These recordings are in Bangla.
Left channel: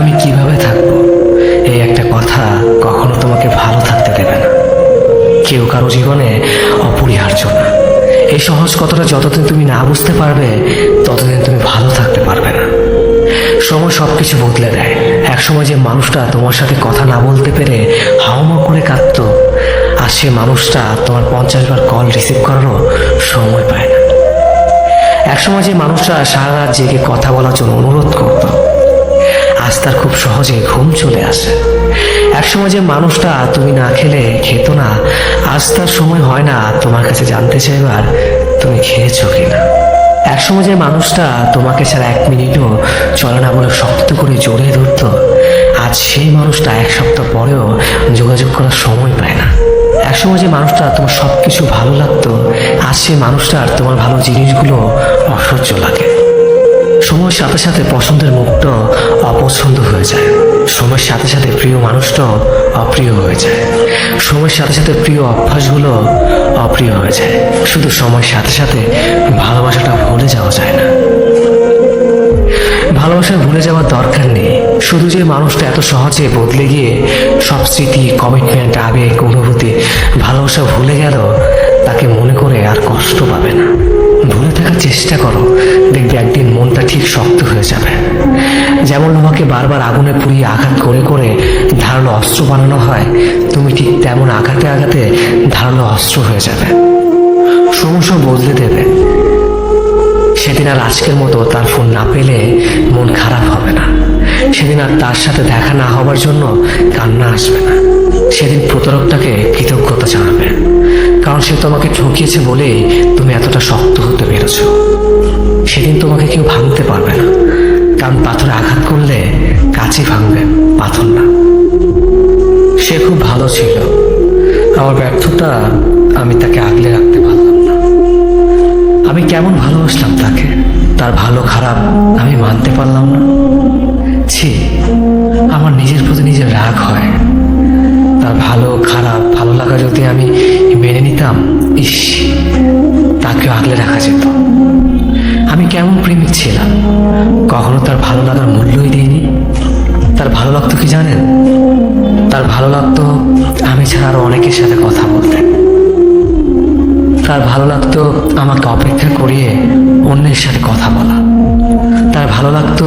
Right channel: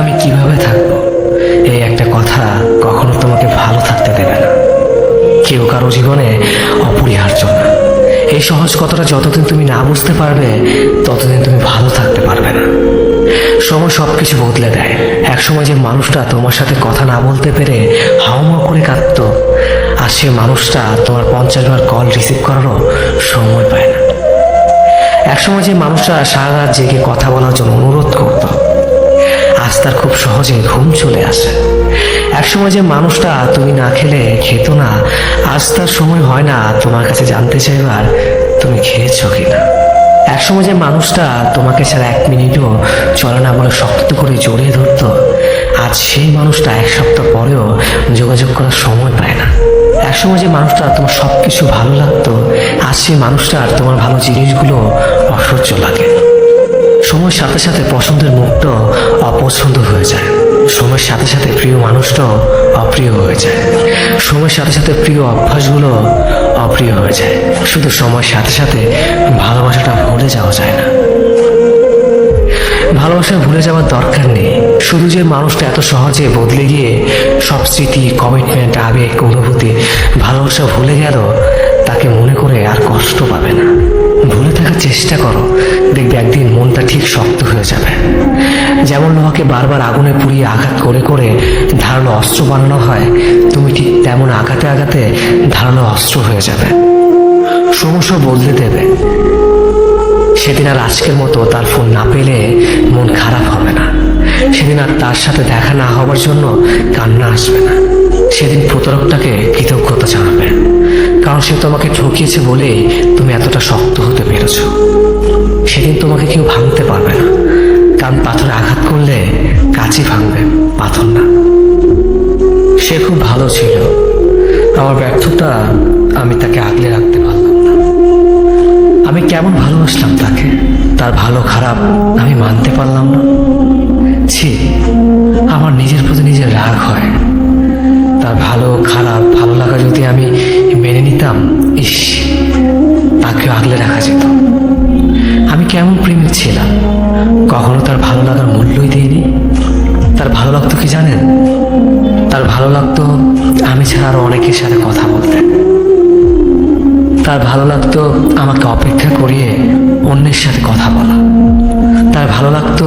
আমি কিভাবে থাকবো, এই একটা কথা কখনো তোমাকে ভালো থাকতে দেবে না। কেউ কারো জীবনে অপরিহার্য না। এই সহজ কথাটা যতদিন তুমি না বুঝতে পারবে, ততদিন তুমি ভালো থাকতে পারবে না। সময় সবকিছু বদলে দেয়। একসময় যে মানুষটা তোমার সাথে কথা না বলতে পেরে হাওমা করে কাঁদতো, আর সে মানুষটা তোমার 50 বার কল রিসিভ করারও সময় পায় না। একসময় যে মানুষটা সারা রাত জেগে কথা বলার জন্য অনুরোধ করত, আজ তার খুব সহজেই ঘুম চলে আসে। একসময় যে মানুষটা তুমি না খেলে খেত না, আজ তার সময় হয় না তোমার কাছে জানতে চাইবার তুমি খেয়েছো কিনা। একসময় যে মানুষটা তোমাকে ছাড়া 1 মিনিটও চলে না বলে শক্ত করে জড়িয়ে ধরত, আজ সেই মানুষটা 1 সপ্তাহ পরেও যোগাযোগ করার সময় পায় না। একসময় যে মানুষটা তোমার সবকিছু ভালো লাগতো, আজ সেই মানুষটার তোমার ভালো জিনিসগুলো অসহ্য লাগে। সময়ের সাথে সাথে পছন্দের মুখটাও অপছন্দ হয়ে যায়। সময়ের সাথে সাথে প্রিয় মানুষটাও অপ্রিয় হয়ে যায়। সময়ের সাথে সাথে প্রিয় অভ্যাসগুলো অপ্রিয় হয়ে যায়। শুধু সময়ের সাথে সাথে ভালোবাসাটা ভুলে যাওয়া যায় না। ভালোবাসা ভুলে যাওয়ার দরকার নেই। শুধু যে মানুষটা এত সহজে বদলে গিয়ে সব স্মৃতি, কমিটমেন্ট, আবেগ, অনুভূতি, ভালোবাসা ভুলে গেল, তাকে মনে করে আর কষ্ট পাবে না। ভুলে থাকার চেষ্টা করো, দেখবে একদিন মনটা ঠিক শক্ত হয়ে যাবে। যেমন তোমাকে বারবার আগুনে পুড়িয়ে আঘাত করে করে ধারালো অস্ত্র বানানো হয়, তুমি ঠিক তেমন আঘাতে আঘাতে ধারালো অস্ত্র হয়ে যাবে। সমস্যা বদলে দেবে। সেদিন আর আজকের মতো তার ফোন না পেলে মন খারাপ হবে না। সেদিন আর তার সাথে দেখা না হওয়ার জন্য কান্না আসবে না। সেদিন প্রতারকটাকে কৃতজ্ঞতা জানাবে, কারণ সে তোমাকে ঠকিয়েছে বলেই তুমি এতটা শক্ত হতে পেরেছ। সেদিন তোমাকে কেউ ভাঙতে পারবে না, কারণ পাথরে আঘাত করলে কাঁচি ভাঙবে, পাথর না। সে খুব ভালো ছিল। আমার ব্যর্থতা আমি তাকে আগলে রাখতে পারলাম না। আমি কেমন ভালোবাসলাম তাকে, তার ভালো খারাপ আমি মানতে পারলাম না। ছি, আমার নিজের প্রতি নিজের রাগ হয়। তার ভালো খারাপ ভালো লাগা যদি আমি মেনে নিতাম, ইস, তাকে আগলে রাখা যেত। আমি কেমন প্রেমিক ছিলাম, কখনো তার ভালো লাগার মূল্যই দিইনি। তার ভালো লাগতো কি জানেন? তার ভালো লাগতো আমি ছাড়া আরো অনেকের সাথে কথা বলতে। তার ভালো লাগতো আমাকে অপেক্ষা করিয়ে অন্যের সাথে কথা বলা। তার ভালো লাগতো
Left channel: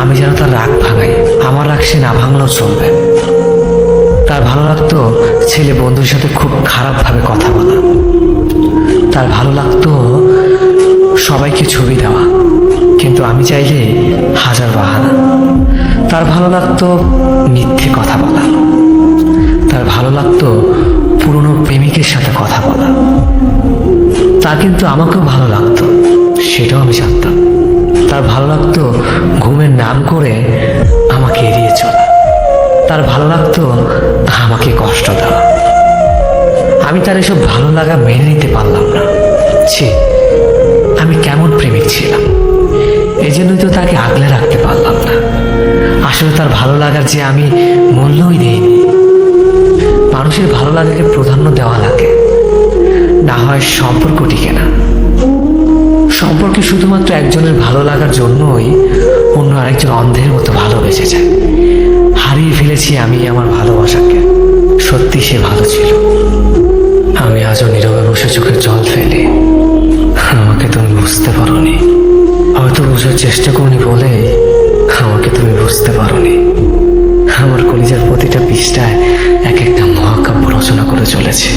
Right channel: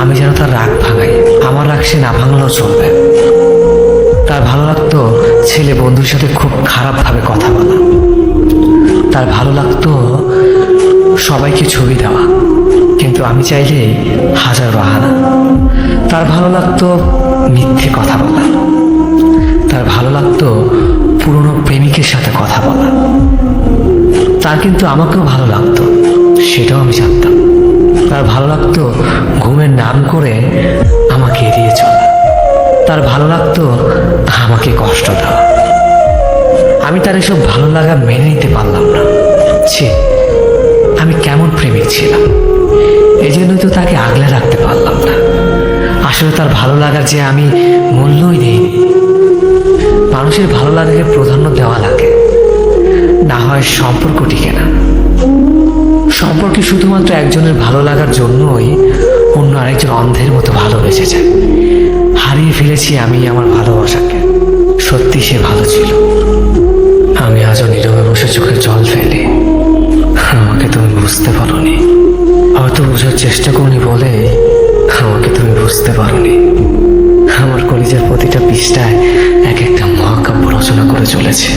আমি যেন তার রাগ ভাঙাই, আমার রাগ সে না ভাঙলেও চলবে। তার ভালো লাগতো ছেলে বন্ধুর সাথে খুব খারাপভাবে কথা বলা। তার ভালো লাগতো সবাইকে ছবি দেওয়া, কিন্তু আমি চাইলে হাজার বাহানা। তার ভালো লাগতো মিথ্যে কথা বলা। তার ভালো লাগতো পুরনো প্রেমিকের সাথে কথা বলা। তার কিন্তু আমাকেও ভালো লাগতো, সেটাও আমি জানতাম। তার ভালো লাগতো ঘুমের নাম করে আমাকে এড়িয়ে চলা। তার ভালো লাগতো আমাকে কষ্ট দেওয়া। আমি তার এসব ভালো লাগা মেনে নিতে পারলাম না। ছি, আমি কেমন প্রেমিক ছিলাম। এই জন্যই তো তাকে আগলে রাখতে পারলাম না। আসলে তার ভালো লাগার যে আমি মূল্যই দিইনি। মানুষের ভালো লাগাকে প্রাধান্য দেওয়া লাগে, না হয় সম্পর্ক টিকে না। সম্পর্কে শুধুমাত্র একজনের ভালো লাগার জন্যই অন্য আরেকজন অন্ধের মতো ভালোবেসে যায়। হারিয়ে ফেলেছি আমি আমার ভালোবাসাকে। সত্যি সে ভালো ছিল। আমি আজও নীরবে বসে চোখে জল ফেলি। আমাকে তুমি বুঝতে পারোনি, হয়তো বোঝার চেষ্টা করনি বলে আমাকে তুমি বুঝতে পারোনি। আমার কলেজের প্রতিটা পৃষ্ঠায় এক একটা মহাকাব্য রচনা করে চলেছে।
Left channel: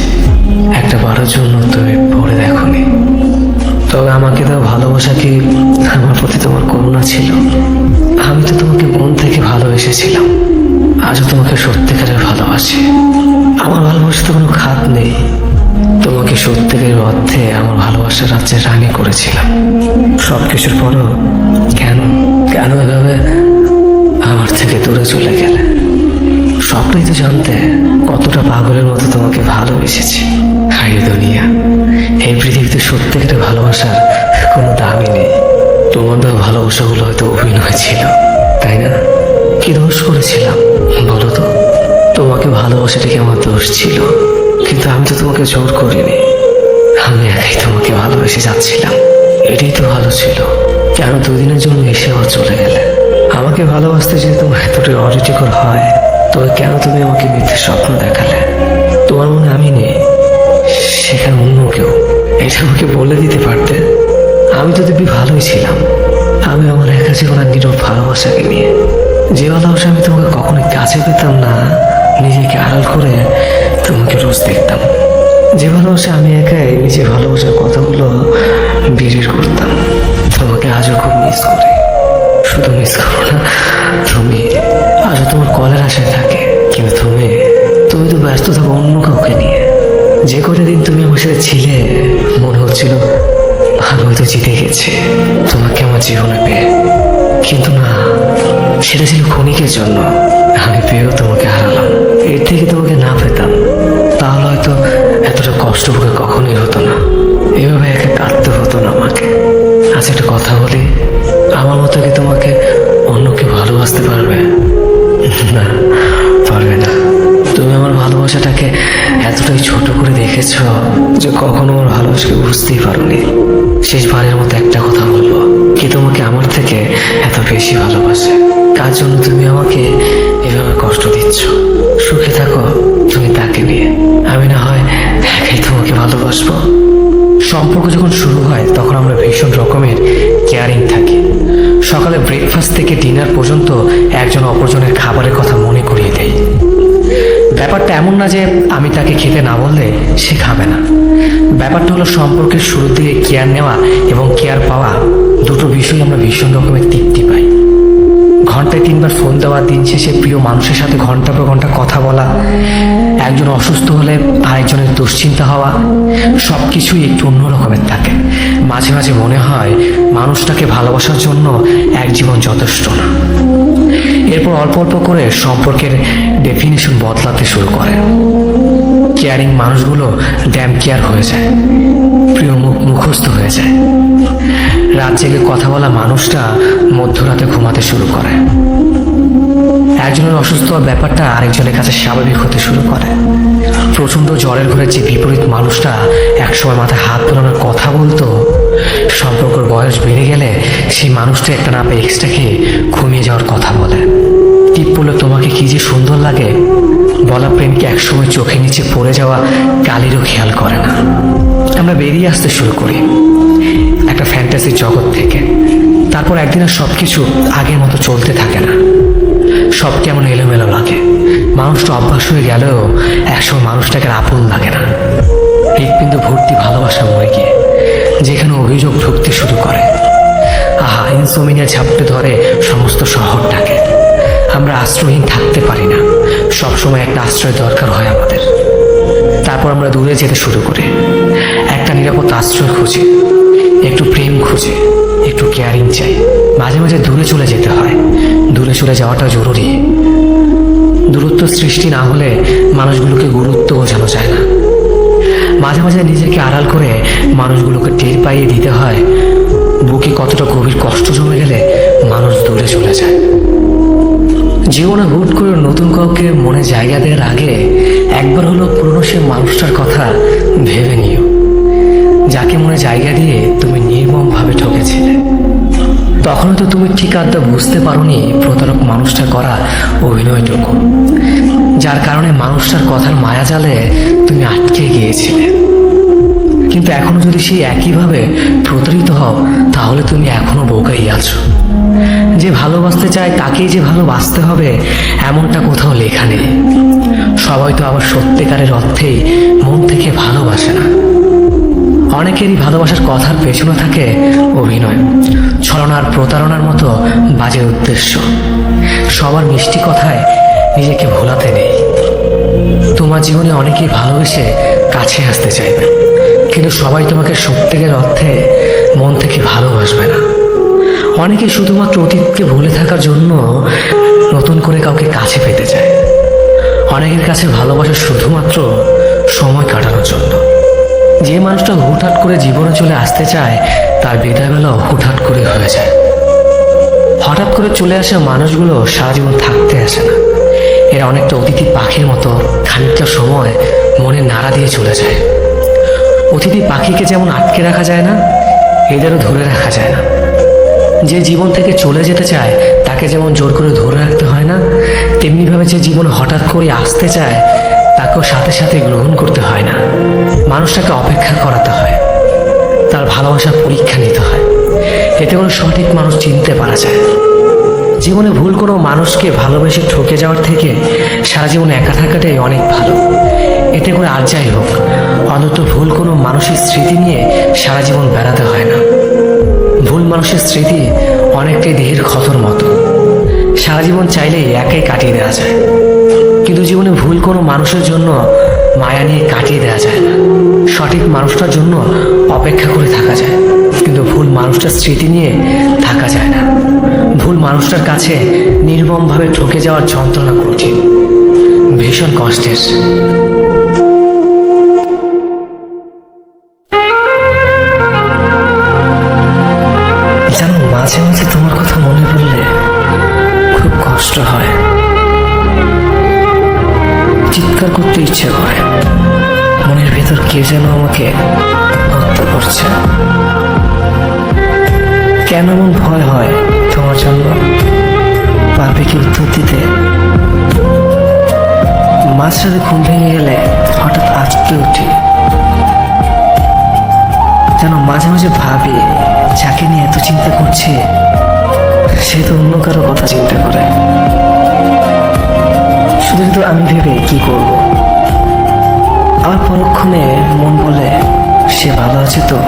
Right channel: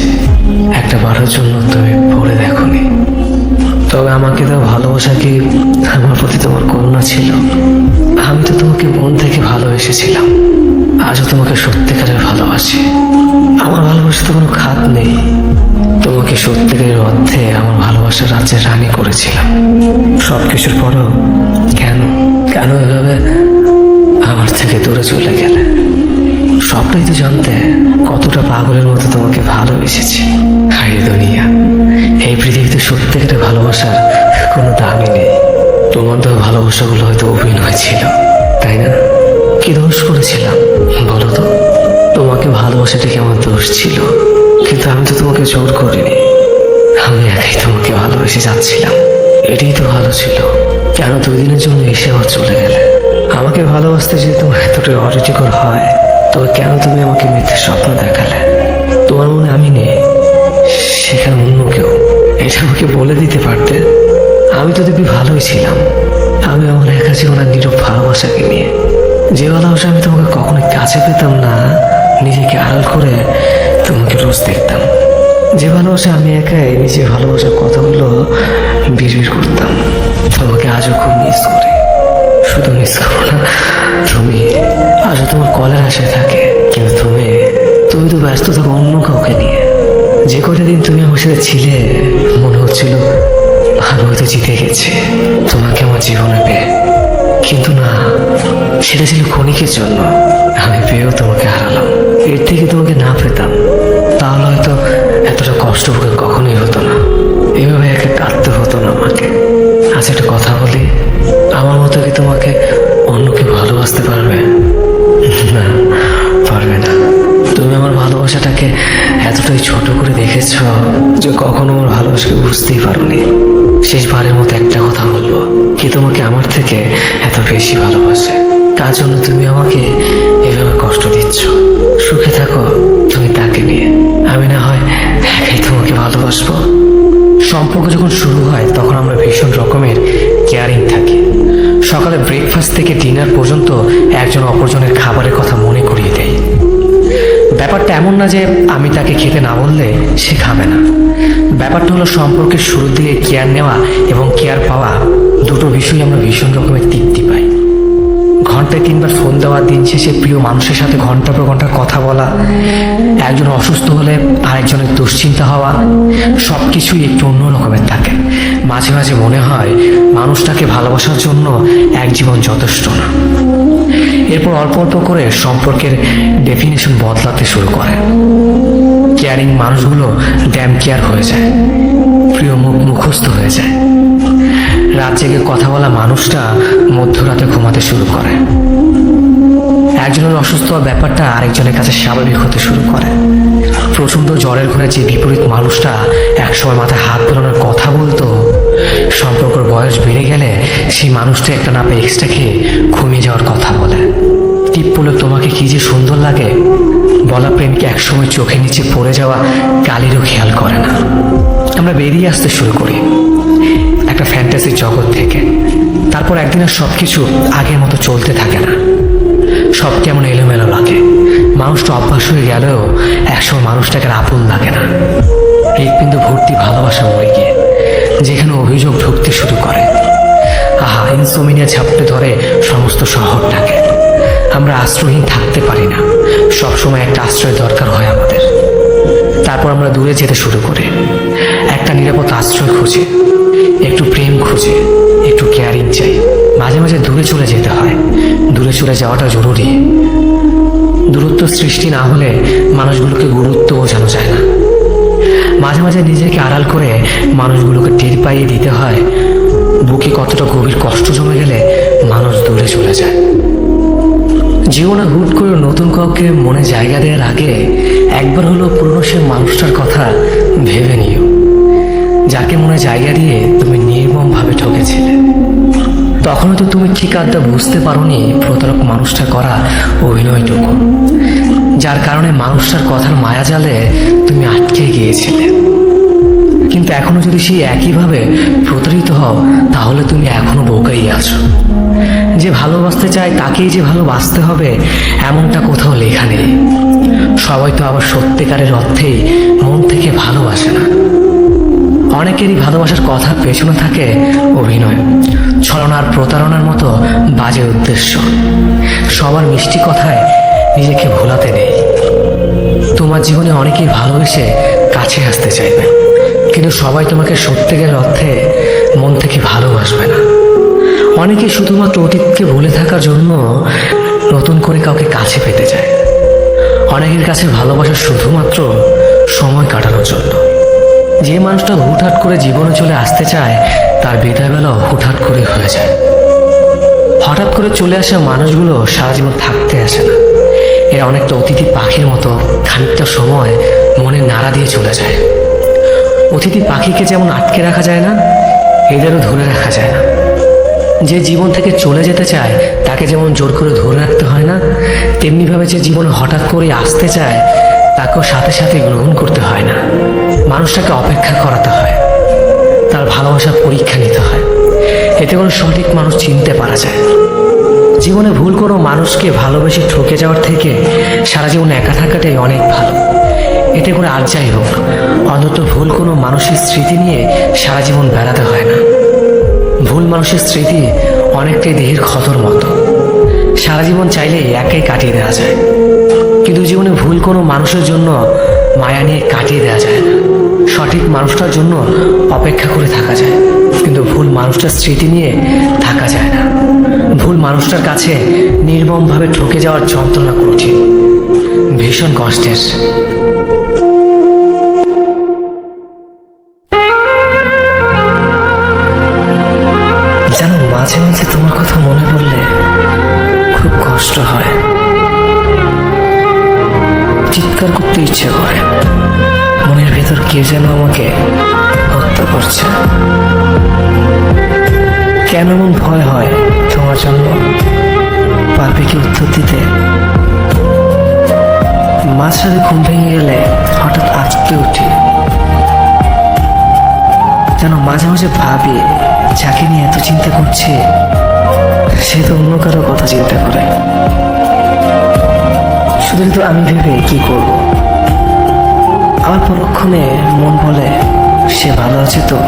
একটা বারের জন্য তুমি পড়ে দেখোনি। তবে আমাকে তাও ভালোবাসা কি আমার প্রতি তোমার করুণা ছিল? আমি তো তোমাকে মন থেকে ভালোবেসেছিলাম। আজও তোমাকে সত্যিকারের ভালোবাসি। আমার ভালোবাসাতে কোনো খাত নেই। তোমাকে সত্যিকারের অর্থে আমার ভালোবাসার রাজ্যে রানী করেছিলাম। সবকিছুর পরেও কেন কেন এভাবে আমার থেকে দূরে চলে গেলে? স্বপ্নই তো জানতে কতটা পাগলের মতো তোমাকে ভালোবেসেছি। হায় দুনিয়া, এই পৃথিবীতে সত্যিকারের ভালোবাসার কোনো দামই নেই। তোমাদের ভালোবাসাগুলো হয়তো অভিনয় ছিল, তাই না? কি দোষ করেছিলাম বলো তো? তোমাকে ভালোবাসাটাকে আমার দোষ ছিল, কিন্তু আমি তো তোমাকে জোর করিনি। আমি একাই তোমাকে ভালোবেসে যাচ্ছিলাম। এটাই তো ভালো ছিল। কেন 2 দিনের জন্য এসে আবার চলে গেলে? আমাকে ভালোবাসা ভালোবাসতে যদি তোমার এতটাই অরুচিকর হয়, তবে কেন তুমি আমাকে মিথ্যে স্বপ্ন দেখালে? তোমার মনে আমি নেই, সেখানে অন্য কেউ। এটা আমাকে বলে দিতে পারতেন। আমি তো দিব্যি ভালোই ছিলাম। আমি আমার একা জীবনের নীরব ভালোবাসাকে নিয়ে, যে ভালোবাসা আমি তোমাকে কখনো কাছে পেতাম না, নিজেকে আড়াল করে তোমাকে রোজ দেখতাম। যে ভালোবাসা আমি একাই নিজে ভালোবাসার কথাগুলো বেরিয়ে করতাম। তোমাকে আজও খুব মিস করি। শুধু মিস করবো না, তুমি আজও তোমার কলের আশায় থাকে। কিন্তু তুমি তুমি তো ব্যস্ত থাকো অন্য কাউকে নিয়ে। যে কটা দিন তুমি আমার সাথে ছিলে, মনে হচ্ছিল ভালো তো জিতে গেছে তোমাকে আমার জীবনে পেয়ে। কিন্তু না, সেটা ছিল ক্ষণিকের জন্য। আমি পেয়েও তোমাকে হারালাম। এর থেকে তোমাকে না পেতাম, তাহলে হয়তো এতটা কষ্ট ভোগে কখনোই হতো না। এভাবে একা কাটতে হতো না আমাকে। আচ্ছা, একটা কথা বলি, আমার মতো কি তোমাকে অন্য কেউ ভালোবাসতে পারবে? না, পারবে না। তুমি আমার ভালোবাসাটাকে এতটাই ছোট করে দেখেছ যে কখনো আমার ভালোবাসাকে বুঝতেই পারোনি। শেষবারের মতো একটা কথা বলবো, কি তোমাকে আমার থেকে এত বেশি ভালোবাসে? কার জন্য তুমি আমাকে এভাবে কষ্ট দিচ্ছ? সুখে থাকো তুমি তাকে নিয়ে, আমি না হয় একাই তোমাকে ভালোবাসবো। সম্পর্ক যখন শুরু হয় তখন আমরা ভীষণ রকমের কেয়ারিং থাকি। সকালে ব্রেকফাস্ট থেকে ডিনার পর্যন্ত একজন অপরজনের খাবারের কথা মনে করিয়ে দেয়। ব্যাপারটা এমন না যে আমি তাকে খেতে না বললে সে খাবে না। ব্যাপারটা হলো সম্পর্কের শুরুর দিকে কেয়ার নেওয়া এবং কেয়ার পাওয়া, দুটো বিষয় আমরা ভীষণ রকমের তৃপ্তি পাই। ঘন্টায় 3বার ফোন দেওয়া, দিন শেষে প্রিয় মানুষের সাথে ঘন্টা পর ঘন্টা কথা বলা, একজন অসুস্থ হলে আরেকজনের দুশ্চিন্তা হওয়া, সবকিছুই একটু অন্য রকমের থাকে। মাঝে মাঝে মনে হয় মানুষটাকে ভালোবাসার জন্য এক জীবন যথেষ্ট না। এরপর অল্প অল্প করে সম্পর্কের ডেফিনিশন বদলাতে শুরু করে। কেয়ারিং মানুষগুলো ড্যাম কেয়ার হয়ে যায়, প্রিয় মুখস্থ হয়ে যায়। রাত জেগে কথা বলা মানুষটা মধ্যরাতে ঘুমাতে শুরু করে। একজনের অসুস্থ হওয়ার ব্যাপারটা আরেকজনের কাছে স্বাভাবিক হতে শুরু করে। প্রচন্ড জ্বরের ঘরে যে বিপরীত মানুষটা একসময় মাথায় হাত বোলানোর কথা বলতো, সম্পর্কের বয়স বেড়ে গেলে সেই মানুষটি একটা না পেয়ে এক্সট্রা খেয়ে ঘুমিয়ে যাওয়ার কথা বলে। টিপ বলে তোমাকে কি যে সুন্দর লাগে বলা প্রেমকে একসময় চোখে নিচে পড়ে যাওয়া কালিরও খেয়াল করে না। আমরা বেরিয়ে আসতে শুরু করি একটা ফ্যান্টাসি জগৎ থেকে। তারপর একদিনের সবকিছু আগের মতো চলতে থাকে না। সব কেমন এলোমেলো লাগে। মানুষটা অভ্যাস হয়ে গেলেও একসময় মানুষটাকে আপন লাগে না। হৃৎপিণ্ড ভর্তি ভালোবাসা মরে গিয়ে যেখানে অভিযোগ ঢুকতে শুরু করে। আহা, ইনসোমিনিয়া ঝাপটে ধরে সমস্ত শহরটাকে। আমরা আশ্রয়হীন থাকতে পারি না। সবসময় একটা আশ্রয় দরকার হয় আমাদের। তারপর আমরা দূরে যেতে শুরু করি, একটা নিরাপদ আশ্রয় খুঁজে, একটু প্রেম খুঁজে, একটু কেয়ারিং চাই। মাঝে মাঝে দূরে চলে যেতে হয়। দূরে চলে যাওয়াটা জরুরি। দূরত্ব সৃষ্টি না হলে মানুষগুলোকে গুরুত্ব বোঝানো যায় না। মাঝে মাঝে নিজেকে আড়াল করে মানুষগুলোকে টের পাইয়ে দিতে হয় বুকে কতটা গভীর কষ্ট জমে গেলে মানুষ দূরে চলে যায়। জীবনে হুট করে নতুন কাউকে মনে জায়গা দেওয়ার আগে একবার হলো পুরনো সে মানুষটার কথা ভেবে নিও, যাকে মনে জায়গা দিয়ে তুমি নির্মমভাবে ঠকেছিলে। তখনও তো তুমি ঠিক আড্ডা বুঝতে পারোনি প্রতারক মানুষটা করা অভিনয়টুকু, যার কারণে মানুষটার কথার মায়াজালে তুমি আটকে গিয়েছিলে। কিন্তু এখনো যদি সেই একইভাবে প্রতারিত হও, তাহলে তুমি এখনো বোকাই আছো। যে ভালোবাসতে চায় তাকেই যে ভালোবাসতে হবে এমনটা কোথাও লেখা নেই। সবাই তো আবার সত্যিকারের অর্থেই মন থেকে ভালোবাসে না। অনেকেরই ভালোবাসার কথার পেছনে থাকে অভিনয়, ছলনার, প্রতারণার মতো বাজে উদ্দেশ্য। সবার মিষ্টি কথায় নিজেকে ভোলাতে নেই। তোমার জীবনে অনেকেই ভালোবেসে কাছে আসতে চাইবে, কিন্তু সবাই তোমাকে সত্যিকারের অর্থে মন থেকে ভালোবাসবে না। অনেকে শুধুমাত্র অতীতকে ভুলে থাকার জন্য নতুন করে কাউকে কাছে পেতে চায়। অনেকের কাছে ভালোবাসা শুধুমাত্র সময় কাটানোর জন্য। যে মানুষটা হুটহাট করে জীবনে চলে আসতে চায় তার বিদায় বেলাও হুটহাট করে হয়ে যায়। হঠাৎ করে চলে আসা মানুষগুলো সারা জীবন থাকতে আসে না। এর অনেকটা অতিথি পাখির মতো খানিকটা সময় মনে নাড়া দিয়ে চলে যায়। অতিথি পাখিকে যেমন আটকে রাখা যায় না, এদেরও ধরে রাখা যায় না। যে জীবন থেকে চলে যেতে চায় তাকে যেমন জোর করে ধরে রাখতে হয় না, তেমনিভাবে যে জীবনে হঠাৎ করে আসতে চায় তাকেও সাথে সাথে গ্রহণ করতে হয় না। মানুষটাকে অপেক্ষা করাতে হয়, তার ভালোবাসার পরীক্ষা নিতে হয়। এতে করে সঠিক মানুষ চিনতে পারা যায়। জীবনে ভুল কোনো মানুষকে ভালোবেসে ঠকে যাওয়ার থেকে সারা জীবন একা থাকাটাই অনেক ভালো। এতে করে আর যাই হোক, অন্তত ভুল কোনো মানুষের স্মৃতি নিয়ে সারা জীবন বেড়াতে হয় না। ভুল মানুষের স্মৃতি অনেকটাই দেহের ক্ষতর মতো, সারা জীবন চাইলেই একাই কাটিয়ে দেওয়া যায়। কিন্তু জীবনে ভুল কোনো মানুষের জন্য মায়া নিয়ে কাটিয়ে দেওয়া যায় না। সঠিক মানুষটার জন্য অপেক্ষা করে থাকা যায়, কিন্তু ভুল মানুষটার স্মৃতি নিয়ে থাকা যায় না। ভুল মানুষটার কাছে নির্মমভাবে ঠকে যাওয়ার যন্ত্রণা কঠিন, ভীষণ কষ্টের। জানো, মাঝে মাঝে তোমার কথা মনে পড়লে খুব কষ্ট হয়, চিৎকার করতে ইচ্ছে করে। মনের ভেতর কেউ যেন আমাকে হত্যা করছে। কেন এমন ভয় হয় তোমার জন্য? পারবে কি উত্তর দিতে? মাঝরাতে ঘুম ভেঙে গেলে হঠাৎ আঁচকে উঠি। যেন মাঝে মাঝে ভাবি, যাকে নিয়ে এত চিন্তা করছে সে তো অন্য কারো কথা চিন্তা করে। শুধু কিন্তু আমি ভেবে কি করব? আমার পরক্ষণে মন বলে সে ভালো আছে তো,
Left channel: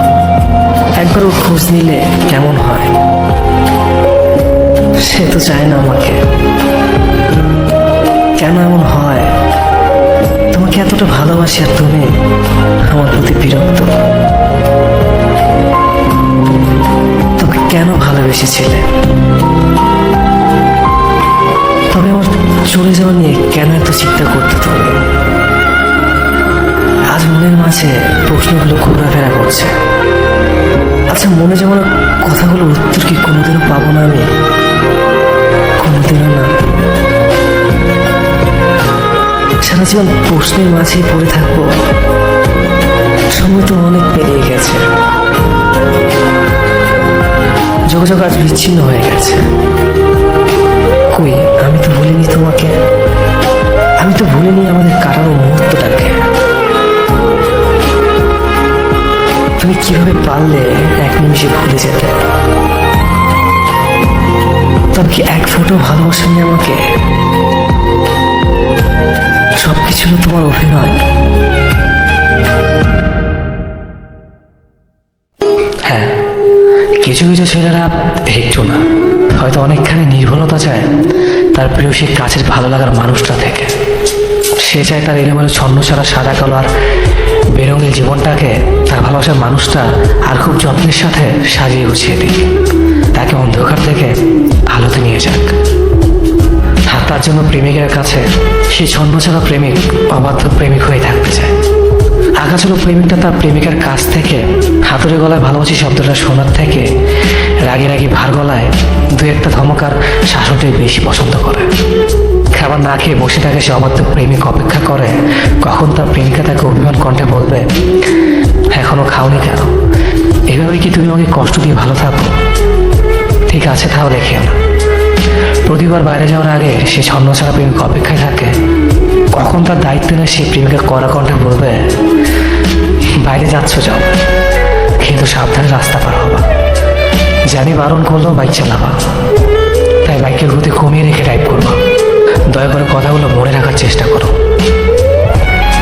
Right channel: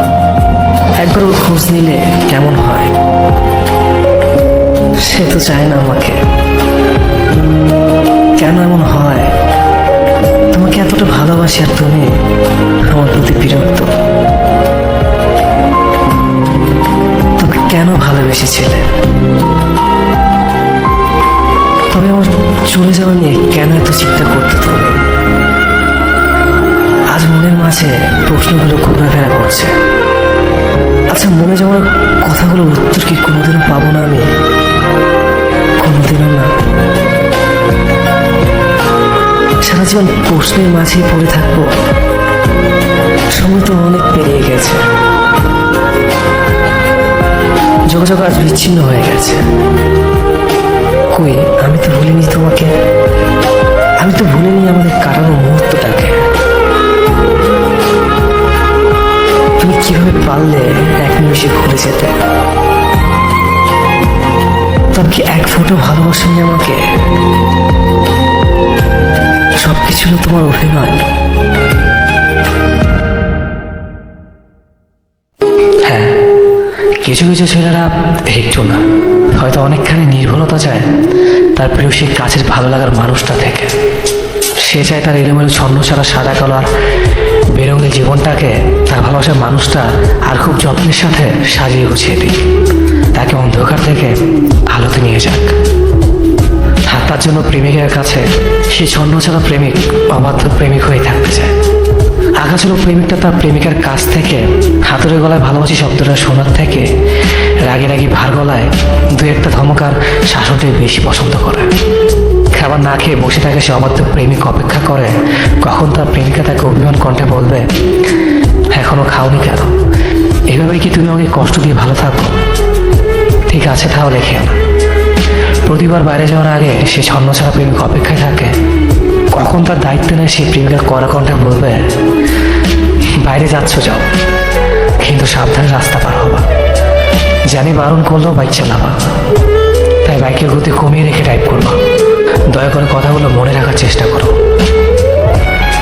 একবার ওর খোঁজ নিলে কেমন হয়। সে তো চায় না আমাকে। কেন এমন হয়? তোমাকে এতটা ভালোবাসি আর তুমি আমার প্রতি বিরক্ত। তবে কেন ভালোবেসেছিলে? তবে আমার চলে যাওয়া নিয়ে কেন এত চিন্তা করতে তুমি? আজ মনের মাঝে প্রশ্নগুলো ঘোরাফেরা করছে। আচ্ছা, মনে যাওয়ার কথাগুলো উত্তর কি কোনোদিনও পাবো না আমি? কোনোদিনও না। সারা জীবন প্রশ্নের মাঝেই পড়ে থাকবো। সময় তো অনেক পেরিয়ে গেছে, যোগাযোগ আজ বিচ্ছিন্ন হয়ে গেছে। কই, আমি তো ভুলিনি তোমাকে, আমি তো ভুলিনি আমাদের কাটানো মুহূর্তটাকে। তুমি কিভাবে পারলে এক নিমিষে ভুলে যেতে? তবে কি এক ফোঁটা ভালোবাসেনি আমাকে? সবকিছু তোমার অভিনয়। হ্যাঁ, কিছু কিছু ছেলেরা একটু না, হয়তো অনেকখানি নির্ভুলতা চায় তার প্রিয় সে কাছের ভালো লাগার মানুষটা থেকে। সে চায় তার এলোমেলো ছন্ন ছাড়া সাদা কালার বেরঙের জীবনটাকে তার ভালোবাসার মানুষটা আর খুব যত্নের সাথে সাজিয়ে গুছিয়ে দিক, তাকে অন্ধকার থেকে আলোতে নিয়ে যাক। আর তার জন্য প্রেমিকের কাছে সে ছন্ন ছাড়া প্রেমিক অবাধ্য প্রেমিক হয়ে থাকতে চায়। আগাছালো প্রেমিকটা তার প্রেমিকার কাছ থেকে হাতুড়ে গলায় ভালোবাসি শব্দটা শোনার থেকে রাগি রাগি ভার গলায় দু একটা ধমকার শাসনকে বেশি পছন্দ করে। খাবার না খেয়ে বসে থাকে সে অবাধ্য প্রেমিক অপেক্ষা করে কখন তার প্রেমিকা তাকে অভিমান কণ্ঠে বলবে, এখনো খাওনি কেন? এভাবেই কি তুমি আমাকে কষ্ট দিয়ে ভালো থাকো? ঠিক আছে, তাহলে খেও না। প্রতিবার বাইরে যাওয়ার আগে সে ছন্ন ছাড়া প্রেমিক অপেক্ষায় থাকে কখন তার দায়িত্ব নেয় সে প্রেমিকা কড়া কণ্ঠে বলবে, বাইরে যাচ্ছ যাও, কিন্তু সাবধানে রাস্তা পার হবা। জানি বারণ করলেও বাইক চালাবা, তাই বাইকের গতি কমিয়ে রেখে ড্রাইভ করবা। দয়া করে কথাগুলো মনে রাখার চেষ্টা করো।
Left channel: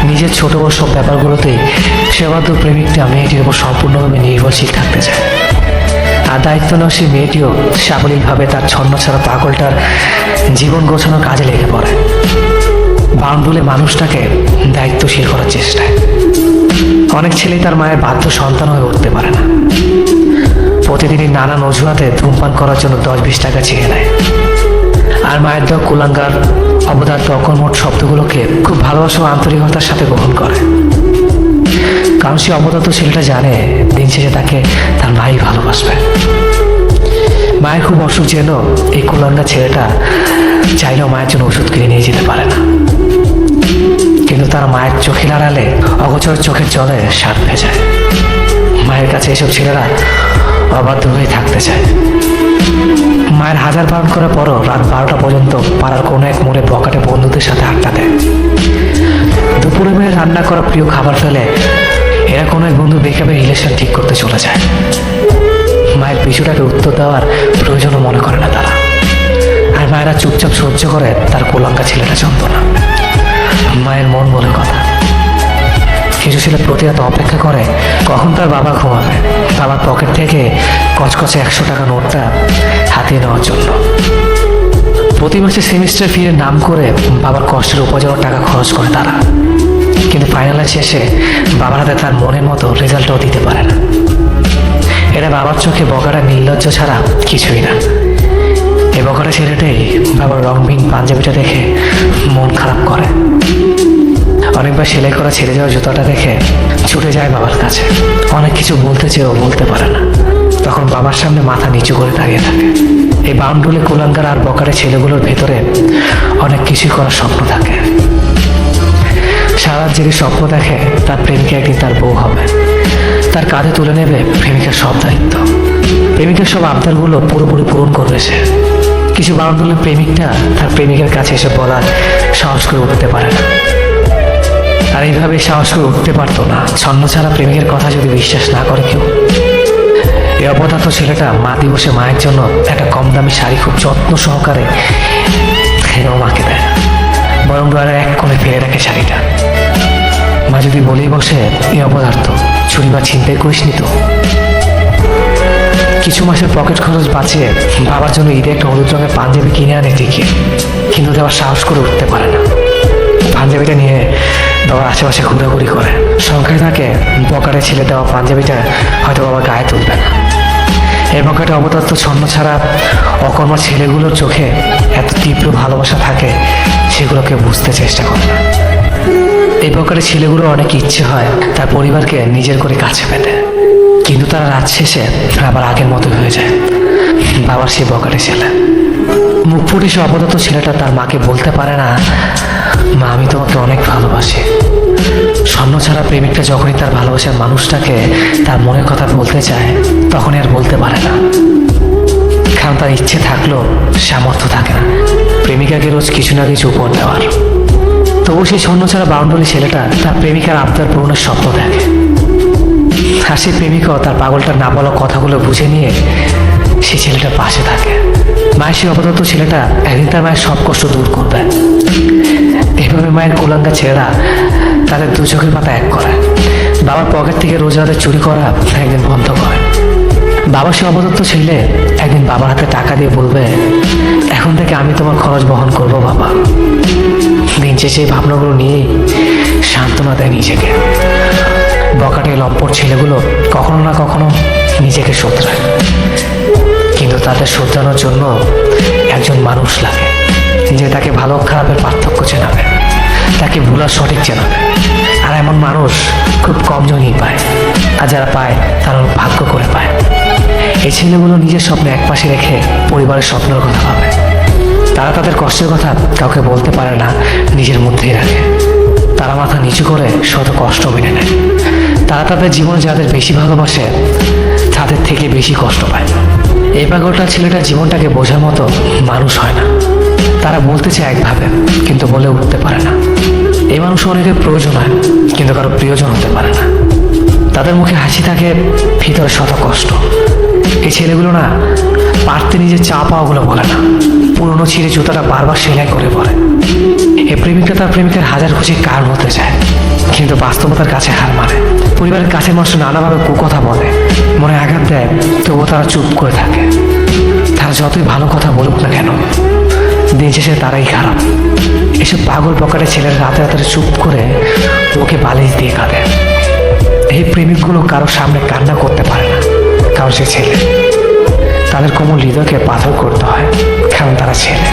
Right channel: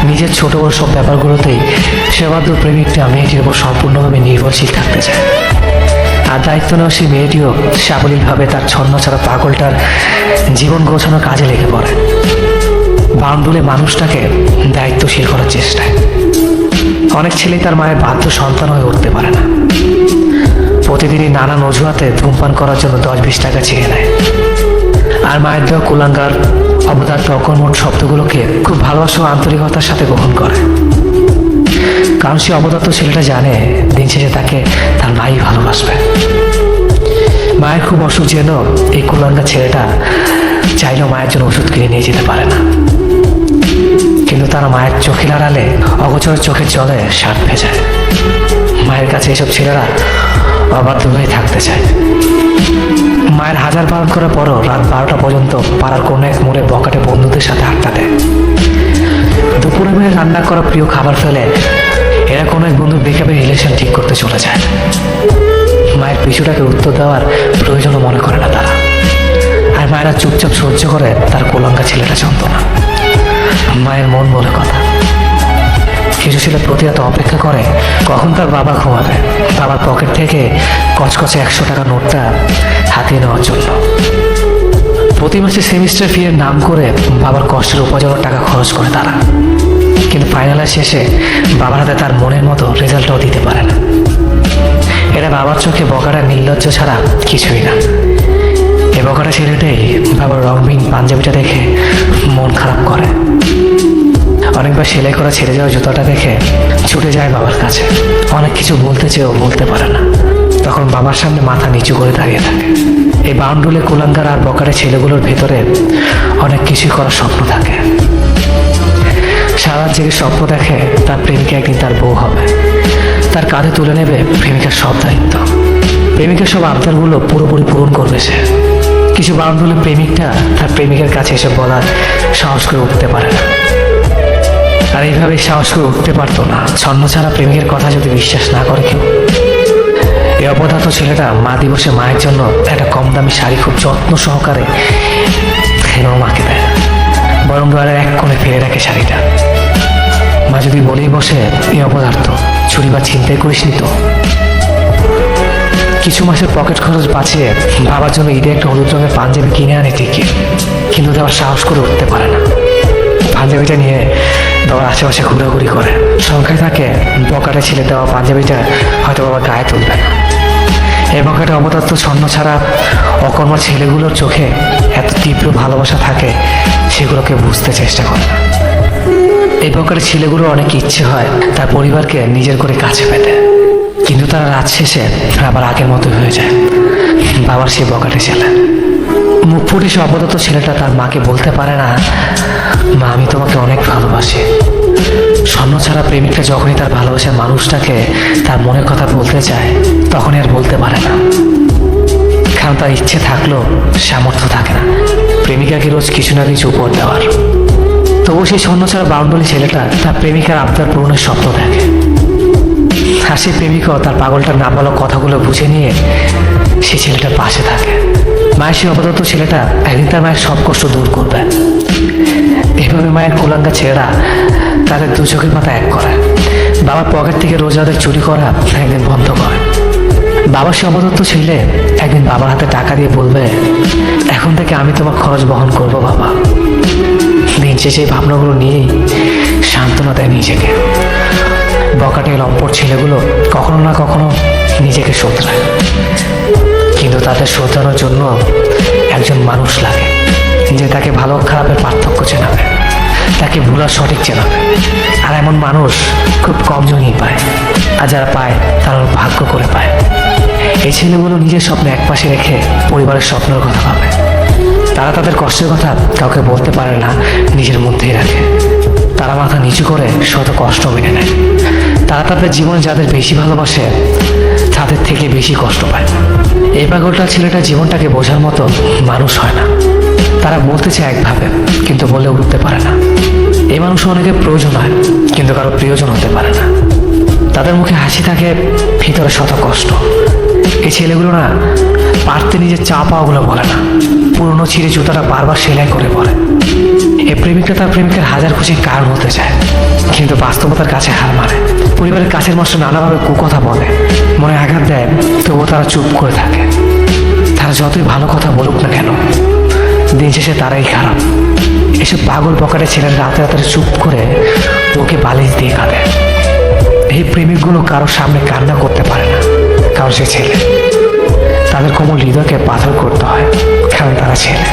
নিজের ছোট বড় সব ব্যাপারগুলোতেই সেবাধ্য প্রেমিকটা মেয়েটির উপর সম্পূর্ণভাবে নির্ভরশীল থাকতে চায়। আর দায়িত্ব নেওয়া সে মেয়েটিও সাবলীলভাবে তার ছন্ন ছাড়া পাগলটার জীবন গোছানোর কাজে লেগে পড়ে। বাউন্ডুলি মানুষটাকে দায়িত্বশীল করার চেষ্টায়। অনেক ছেলে তার মায়ের বাধ্য সন্তান হয়ে উঠতে পারে না। প্রতিদিনই নানান অজুহাতে ধূমপান করার জন্য 10-20 টাকা চেয়ে নেয়। আর মায়ের দেওয়া কুলাঙ্গার অবদার্থ অকর্মক শব্দগুলোকে খুব ভালোবাসা ও আন্তরিকতার সাথে গ্রহণ করে। কারণ সে অবদার্থ ছেলেটা জানে দিন শেষে তাকে তার মাই ভালোবাসবে। মায়ের খুব অসুখ যেন এই কুলাঙ্গার ছেলেটা চাইলেও মায়ের জন্য ওষুধ কিনে নিয়ে যেতে পারে না। কিন্তু তার মায়ের চোখের আড়ালে অগোচর চোখের জলে স্বাদ ভেজায়। মায়ের কাছে এসব ছেলেরা অবাধ্য হয়ে থাকতে চায়। মায়ের হাজার বারণ করার পরও রাত 12টা পর্যন্ত পাড়ার কোনো এক মোড়ে বকাটে বন্ধুদের সাথে আড্ডা দেয়। দুপুরে মিলে রান্না করা প্রিয় খাবার ফেলে এরা কোনো এক বন্ধু ব্রেকআপের রিলেশন ঠিক করতে চলে যায়। মায়ের পিছুটাকে উত্তর দেওয়ার প্রয়োজনও মনে করে না তারা। আর মায়েরা চুপচাপ সহ্য করে তার কোলাঙ্গা ছেলেটা যন্ত্রণা। মায়ের মন বলে কথা। কিছু ছেলে প্রতি রাত অপেক্ষা করে কখন তার বাবা ঘুমাবে, বাবার পকেট থেকে কচকচে 100 টাকা নোটটা হাতিয়ে নেওয়ার জন্য। প্রতি মাসে সেমিস্টার ফি এর নাম করে বাবার কষ্টের উপার্জনের টাকা খরচ করে তারা। কিন্তু ফাইনালের শেষে বাবার হাতে তার মনের মতো রেজাল্টও দিতে পারে না। এরা বাবার চোখে বকাটা নির্লজ্জ ছাড়া কিছুই না। এ বকাটা ছেলেটাই বাবার রংবিহীন পাঞ্জাবিটা দেখে মন খারাপ করে। অনেকবার সেলাই করা ছেড়ে যাওয়া জুতাটা দেখে ছুটে যায় বাবার কাছে। অনেক কিছু বলতে চেয়েও বলতে পারে না, তখন বাবার সামনে মাথা নিচু করে দাঁড়িয়ে থাকে। এই বাউন্ডুলে কুলাঙ্গার আর বকারে ছেলেগুলোর ভেতরে অনেক কিছুই করার স্বপ্ন থাকে। সারা জেগে স্বপ্ন দেখে তার প্রেমিকা একদিন তার বউ হবে, তার কাঁধে তুলে নেবে প্রেমিকার সব দায়িত্ব। প্রেমিকার সব আবদারগুলো পুরোপুরি পূরণ করবে সে। কিছু বাউন্ডুলে প্রেমিকটা তার প্রেমিকের কাছে এসে বলার সাহস করে উঠতে পারে না। আর এইভাবে সাহস করে উঠতে পারতো না ছন্ম ছাড়া প্রেমিকের কথা যদি বিশ্বাস না করে কেউ। এই অপদার্থ ছেলেটা মা দিবসে মায়ের জন্য একটা কম দামি শাড়ি খুব যত্ন সহকারে মাকে দেয় না, বরং দুয়ারের এক কোণে ফেলে রাখে শাড়িটা। মা যদি বলেই বসে, এই অপদার্থ চুরি বা ছিনতাই করিস নি তো। কিছু মাসের পকেট খরচ বাঁচিয়ে বাবার জন্য ঈদে একটা হলুদ রঙের পাঞ্জাবি কিনে আনে ঠিকই, কিন্তু দেওয়ার সাহস করে উঠতে পারে না। পাঞ্জাবিটা নিয়ে বাবার আশেপাশে ঘোরাঘুরি করে। সংখ্যায় থাকে বকারে ছেলে দেওয়া পাঞ্জাবিটা হয়তো বাবার গায়ে তুলবে না। এই বকাটে অবদত্ত ছন্ন ছাড়া অকর্মার ছেলেগুলোর চোখে এত তীব্র ভালোবাসা থাকে, সেগুলোকে বুঝতে চেষ্টা করে না। এই বকাটে ছেলেগুলো অনেক ইচ্ছে হয় তার পরিবারকে নিজের করে কাছে পেতে, কিন্তু তারা রাত শেষে আবার আগের মতো হয়ে যায়। বাবার সেই বকাটে ছেলে মুখ ফুটে সে অবদত্ত ছেলেটা তার মাকে বলতে পারে না, মা আমি তোমাকে অনেক ভালোবাসি। স্বর্ণ ছাড়া প্রেমিকটা যখনই তার ভালোবাসার মানুষটাকে তার মনের কথা বলতে চায়, তখনই আর বলতে পারে না, কারণ তার ইচ্ছে থাকলেও সামর্থ্য থাকে না প্রেমিকাকে রোজ কিছু না কিছু উপহার দেওয়ার। তবু সেই স্বর্ণ ছাড়া বাউন্ডারি ছেলেটা তার প্রেমিকার আবদার পূরণের স্বপ্ন দেখে। আর সেই প্রেমিকাও তার পাগলটার না বলা কথাগুলো বুঝে নিয়ে সেই ছেলেটার পাশে থাকে। মায়ের সেই অবদত্ত ছেলেটা একদিন তার মায়ের সব কষ্ট দূর করবে। এভাবে মায়ের কোলাঙ্গা ছেলেরা তাদের দু চোখের পাতা এক করে। বাবার পকেট থেকে রোজ রাতে চুরি করা একদিন বন্ধ করে। বাবা সে অবদত্ত ছেলে একদিন বাবার হাতে টাকা দিয়ে বলবে, এখন থেকে আমি তোমার খরচ বহন করবো বাবা। দিন শেষে ভাবনাগুলো নিয়েই সান্ত্বনা দেয় নিজেকে। বকাটে লম্পট ছেলেগুলো কখনো না কখনো নিজেকে শোধরায়, কিন্তু তাদের শোধরানোর জন্য একজন মানুষ লাগে যে তাকে ভালো খারাপের পার্থক্য চেনাবে, তাকে ভুলার সঠিক চেনাবে। আর এমন মানুষ খুব কম জনই পায়, আর যারা পায় তারা ভাগ্য করে পায়। এই ছেলেগুলো নিজের স্বপ্ন একপাশে রেখে পরিবারের স্বপ্নের কথা ভাবে। তারা তাদের কষ্টের কথা কাউকে বলতে পারে না, নিজের মধ্যেই রাখে। তারা মাথা নিচু করে শত কষ্ট মেনে নেয়। তারা তাদের জীবনে যাদের বেশি ভালোবাসে তাদের থেকে বেশি কষ্ট পায়। এই পাগলটা ছেলেটার জীবনটাকে বোঝার মতো মানুষ হয় না। তারা বলতে চায় একভাবে, কিন্তু বলে উঠতে পারে না। এই মানুষ অনেকের প্রয়োজন হয়, কিন্তু কারো প্রিয়জন হতে পারে না। তাদের মুখে হাসি থাকে, ভিতরে শত কষ্ট। এই ছেলেগুলো না পারতে নিজের চা পাওয়াগুলো বলে না, পুরনো ছিঁড়ে জুতোটা বারবার সেলাই করে পরে। এই প্রেমিকটা তার প্রেমিকের হাজার খুশি কার হতে চায়, কিন্তু বাস্তবতার কাছে হার মানে। পরিবারের কাছের মানুষ নানাভাবে কুকথা বলে, মনে আঘাত দেয়, তবুও তারা চুপ করে থাকে। তারা যতই ভালো কথা বলুক না কেন, দিন শেষে তারাই খারাপ। এসব পাগল বকাটে ছেলের রাতে রাতে চুপ করে ওকে বালিশ দিয়ে কাঁদে। এই প্রেমিকগুলো কারোর সামনে কান্না করতে পারে না, কারণ সে ছেলে। তাদের কোমল হৃদয়কে পাথর করতে হয়, কারণ তারা ছেলে।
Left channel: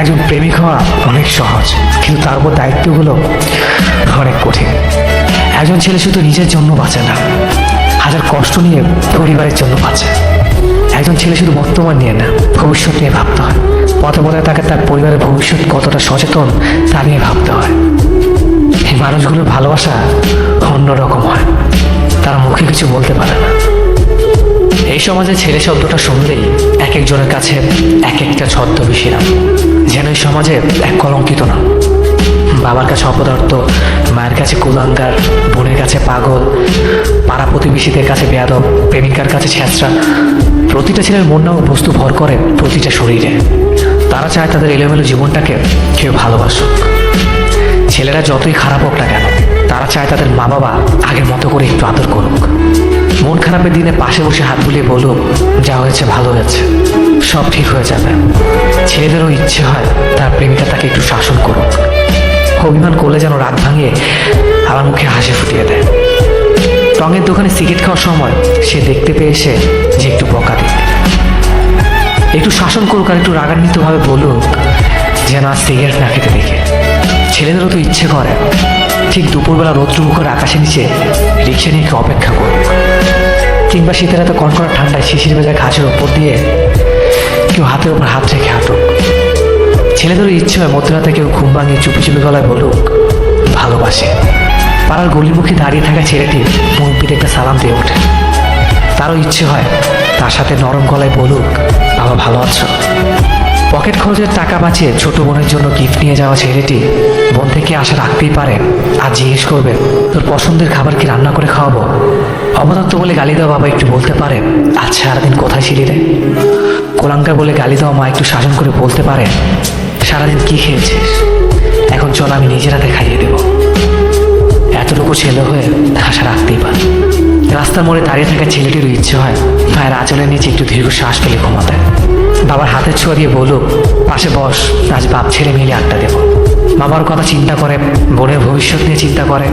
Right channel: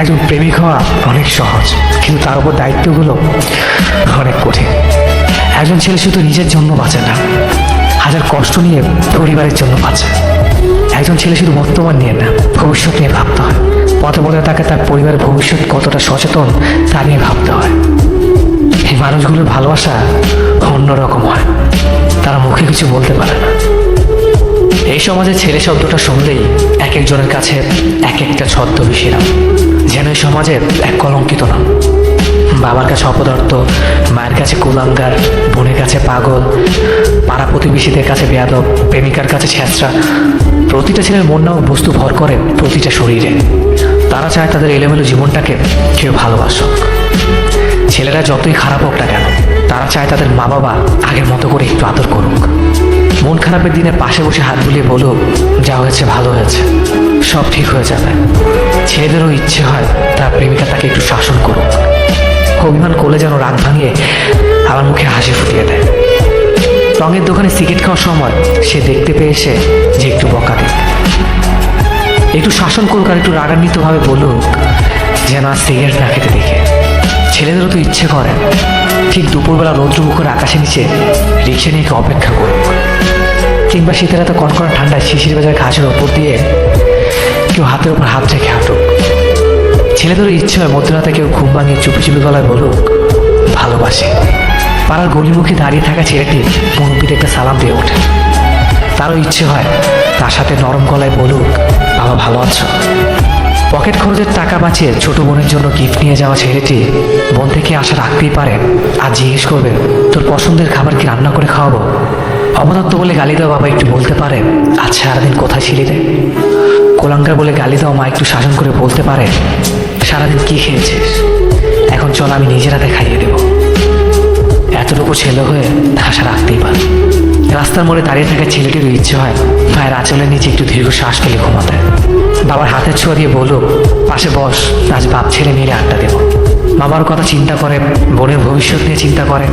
একজন প্রেমিক হওয়া অনেক সহজ, কিন্তু তার উপর দায়িত্বগুলো অনেক কঠিন। একজন ছেলে শুধু নিজের জন্য বাঁচে না, হাজার কষ্ট নিয়ে পরিবারের জন্য বাঁচে। একজন ছেলে শুধু বর্তমান নিয়ে না, ভবিষ্যৎ নিয়ে ভাবতে হয়। পথে পথে তাকে তার পরিবারের ভবিষ্যৎ কতটা সচেতন তা নিয়ে ভাবতে হয়। এই মানুষগুলোর ভালোবাসা অন্যরকম হয়, তারা মুখে কিছু বলতে পারে না, এই সমাজে ছেলে শব্দটা শুনলেই এক একজনের কাছে এক একটা ছদ্মবেশী নাম, যেন এই সমাজে এক কলঙ্কিত নাম। বাবার কাছে অপদার্থ, মায়ের কাছে কুলাঙ্গার, বোনের কাছে পাগল, পাড়া প্রতিবেশীদের কাছে বেয়াদব, প্রেমিকার কাছে ছেঁচড়া। প্রতিটা ছেলের মন নাও বস্তু ভর করে প্রতিটা শরীরে। তারা চায় তাদের এলোমেলো জীবনটাকে কেউ ভালোবাসুক। ছেলেরা যতই খারাপ হোক না কেন, তারা চায় তাদের মা বাবা আগের মতো করে একটু আদর করুক। মন খারাপের দিনে পাশে বসে হাত বুলিয়ে বলুক, যা হয়েছে ভালো হয়েছে, সব ঠিক হয়ে যাবে। ছেলেদেরও ইচ্ছে হয় তার প্রেমিকা তাকে একটু শাসন করুক, অভিমান করলে যেন রাগ ভাঙিয়ে আমার মুখে হাসি ফুটিয়ে দেয়। টঙের দোকানে সিগারেট খাওয়ার সময় সে দেখতে পেয়েছে যে একটু বকা দিক, একটু শাসন করুক, আর একটু রাগান্বিতভাবে বলুক যেন সিগারেট না খেতে দেখে। ছেলেদেরও তো ইচ্ছে করে ঠিক দুপুরবেলা রৌদ্রমুখর আকাশের নিচে রিক্সা নিয়ে অপেক্ষা করুক, কিংবা শীতের এত কনকনা ঠান্ডায় শিশির ভেজা ঘাসের ওপর দিয়ে কেউ হাতের ওপর হাত রেখে হাঁটুক। ছেলেদেরও ইচ্ছে হয় মধ্যরাতে কেউ ঘুম ভাঙিয়ে চুপি চুপি গলায় বলুক ভালোবাসে। পাড়ার গলিমুখে দাঁড়িয়ে থাকা ছেলেটি মন পিঠে একটা সালাম দিয়ে ওঠে। তারও ইচ্ছে হয় তার সাথে নরম গলায় বলুক বাবা ভালো আছো। পকেট খরচের টাকা বাঁচিয়ে ছোট বোনের জন্য গিফট নিয়ে যাওয়া ছেলেটি মন থেকে আশা রাখতেই পারে আর জিজ্ঞেস করবে তোর পছন্দের খাবার কি রান্না করে খাওয়াবো। অবদত্ত বলে গালি দেওয়া বাবা একটু বলতে পারে আজ সারাদিন কোথায় ছিলি রে। কোলাঙ্কার বলে গালি দেওয়া মা একটু সাধন করে বলতে পারে সারাদিন কি খেয়েছিস, এখন চল আমি নিজের হাতে খাইয়ে দেব। এতটুকু ছেলে হয়ে আশা রাখতেই পারে। রাস্তার মোড়ে দাঁড়িয়ে থাকা ছেলেটিরও ইচ্ছে হয় মায়ের আঁচলের নিচে একটু দীর্ঘ শ্বাস ফেলে ঘুমাতে। বাবার হাতের ছোঁয়া দিয়ে বলুক পাশে বস, আজ বাপ ছেলে মিলে আড্ডা দেব। বাবার কথা চিন্তা করে, বোনের ভবিষ্যৎ নিয়ে চিন্তা করে,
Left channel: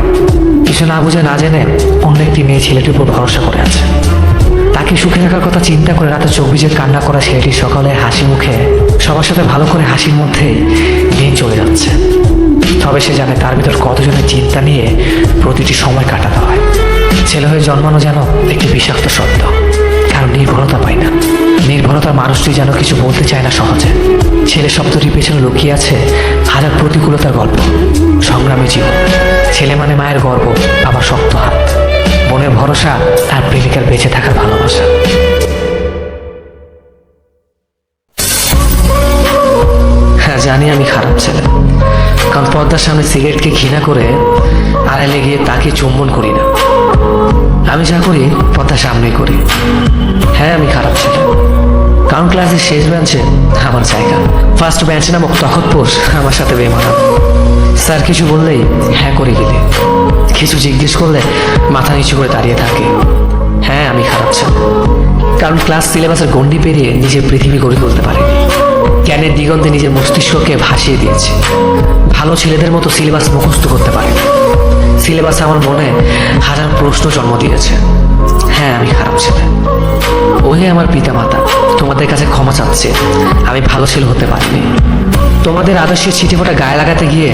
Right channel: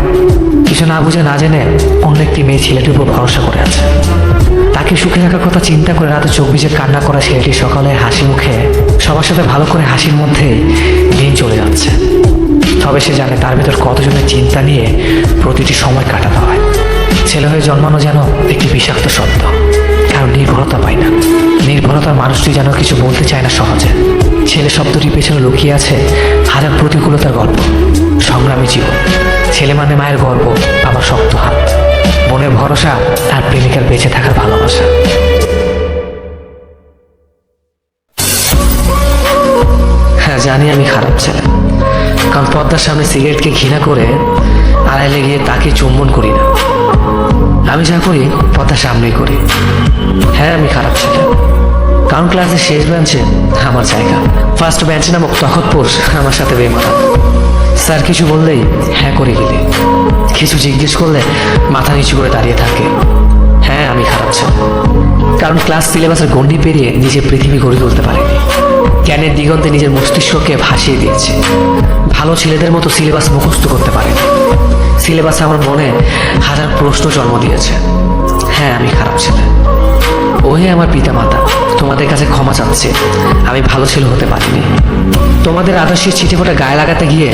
কিছু না বুঝে না জেনে অন্য একটি মেয়ে ছেলেটির উপর ভরসা করে আছে। তাকে সুখে রাখার কথা চিন্তা করে রাতে চোখ ভিজে কান্না করা ছেলেটি সকালে হাসি মুখে সবার সাথে ভালো করে হাসির মধ্যেই দিন চলে যাচ্ছে। তবে সে জানে তার ভিতর কতজনের চিন্তা নিয়ে প্রতিটি সময় কাটাতে হয়। ছেলে হয়ে জন্মানো যেন একটি বিষাক্ত শব্দ, কারণ নির্ভরতা পায় না। নির্ভরতার মানুষটি যেন কিছু বলতে চায় না সহজে। ছেলে শব্দটির পেছনে লুকিয়ে আছে হাজার প্রতিকূলতার গল্প, সংগ্রামী জীবন। ছেলে মানে মায়ের গর্ব, বাবার শক্ত হাত, বোনের ভরসা আর প্রেমিকার বেঁচে থাকার ভালোবাসা। হ্যাঁ জানি আমি খারাপ ছেলে, কারণ পর্দার সামনে সিগারেটকে ঘৃণা করে আড়ালে গিয়ে তাকে চুম্বন করি না। আমি যা করি পর্দার সামনেই করি। হ্যাঁ আমি খারাপ ছেলে, কারণ ক্লাসের শেষ বেঞ্চে আমার জায়গা, ফার্স্ট বেঞ্চে নামক তখতপোষ আমার সাথে বেমানান। স্যার কিছু বললেই হ্যাঁ করে গেলে, কিছু জিজ্ঞেস করলে মাথা নিচু করে দাঁড়িয়ে থাকে। হ্যাঁ আমি খারাপ ছেলে, কারণ ক্লাস সিলেবাসের গণ্ডি পেরিয়ে নিজের পৃথিবী গড়ে তুলতে পারিনি। জ্ঞানের দিগন্তে নিজের মস্তিষ্ককে ভাসিয়ে দিয়েছি। ভালো ছেলেদের মতো সিলেবাস মুখস্থ করতে পারিনি। সিলেবাস আমার মনে হাজার প্রশ্ন জন্ম দিয়েছে। হ্যাঁ আমি খারাপ ছেলে। ওই আমার পিতা মাতা, তোমাদের কাছে ক্ষমা চাচ্ছে, আমি ভালো ছেলে হতে পারিনি। তোমাদের আদর্শের ছিটে ফোটা গায়ে লাগাতে গিয়ে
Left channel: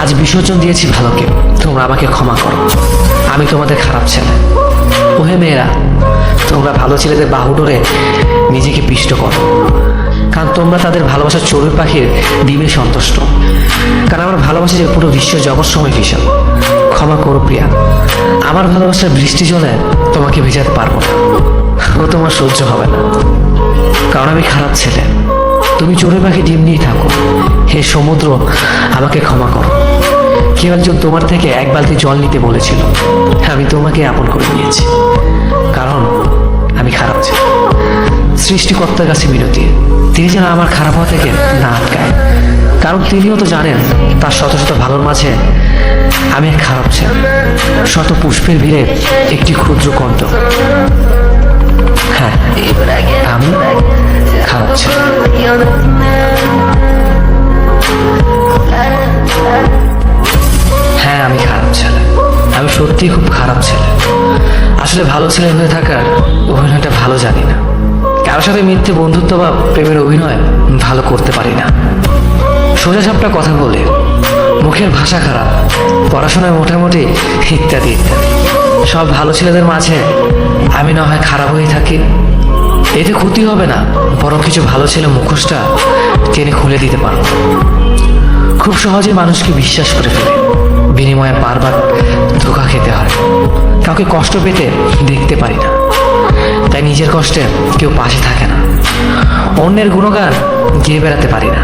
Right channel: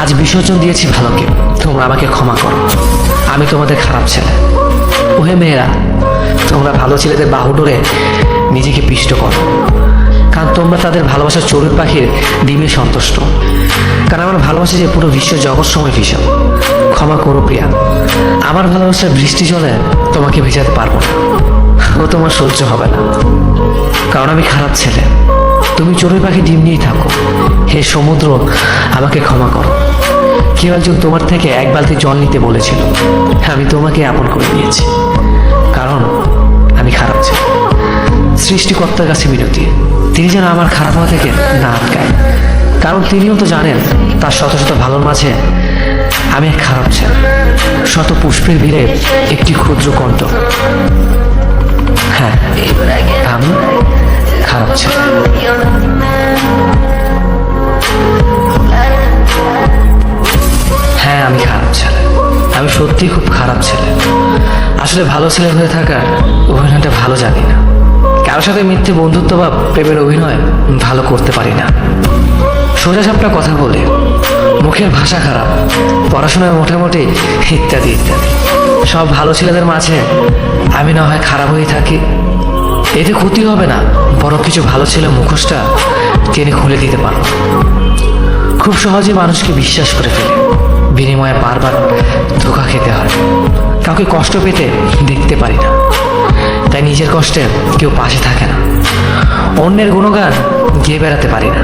আজ বিসর্জন দিয়েছি ভালোকে। তোমরা আমাকে ক্ষমা করো, আমি তোমাদের খারাপ ছেলে। ওহে মেয়েরা, তোমরা ভালো ছেলেদের বাহু ডোরে নিজেকে পিষ্ট করো, কারণ তোমরা তাদের ভালোবাসার চড়ুই পাখির ডিমে সন্তুষ্ট। কারণ আমার ভালোবাসা যে পুরো বিশ্ব জগৎ সময় ভীষণ। ক্ষমা করো প্রিয়া, আমার ভালোবাসার বৃষ্টি জলে তোমাকে ভেজাতে পারবো না, ও তোমার সহ্য হবে না, কারণ আমি খারাপ ছেলে। তুমি চড়ুই পাখি ডিম নিয়েই থাকো। হে সমুদ্র, আমাকে ক্ষমা করো। কেউ একজন তোমার থেকে এক বালতি জল নিতে বলেছিল, আমি তোমাকে আপন করে নিয়েছি, কারণ আমি খারাপ ছেলে। সৃষ্টিকর্তার কাছে মিনতি, তিনি যেন আমার খারাপ হওয়া থেকে না আটকায়, কারণ তিনিও তো জানেন তার শত শত ভালোর মাঝে আমি এক খারাপ ছেলে, শত পুষ্পের ভিড়ে একটি ক্ষুদ্র কণ্ঠ। হ্যাঁ আমি খারাপ ছেলে। হ্যাঁ আমি খারাপ ছেলে, আমি সত্যিই খুব খারাপ ছেলে। আসলে ভালো ছেলে হয়ে থাকার অভিনয়টা ভালো জানি না। কারোর সাথে মিথ্যে বন্ধুত্ব বা প্রেমের অভিনয় ভালো করতে পারি না। সোজা সাপটা কথা বলে, মুখের ভাষা খারাপ, পড়াশোনায় মোটামুটি ইত্যাদি ইত্যাদি। সব ভালো ছেলেদের মাঝে আমি না হয় খারাপ হয়ে থাকি, এতে ক্ষতি হবে না, বরং কিছু ভালো ছেলে মুখোশটা টেনে খুলে দিতে পারবো। খুব সহজে মানুষকে বিশ্বাস করে ফেলে, বিনিময়ে বারবার ধোঁকা খেতে হয়। কাউকে কষ্ট পেতে দেখতে পারি না, তাই নিজের কষ্টে কেউ পাশে থাকে না। অন্যের গুণগান গেয়ে বেড়াতে পারি না,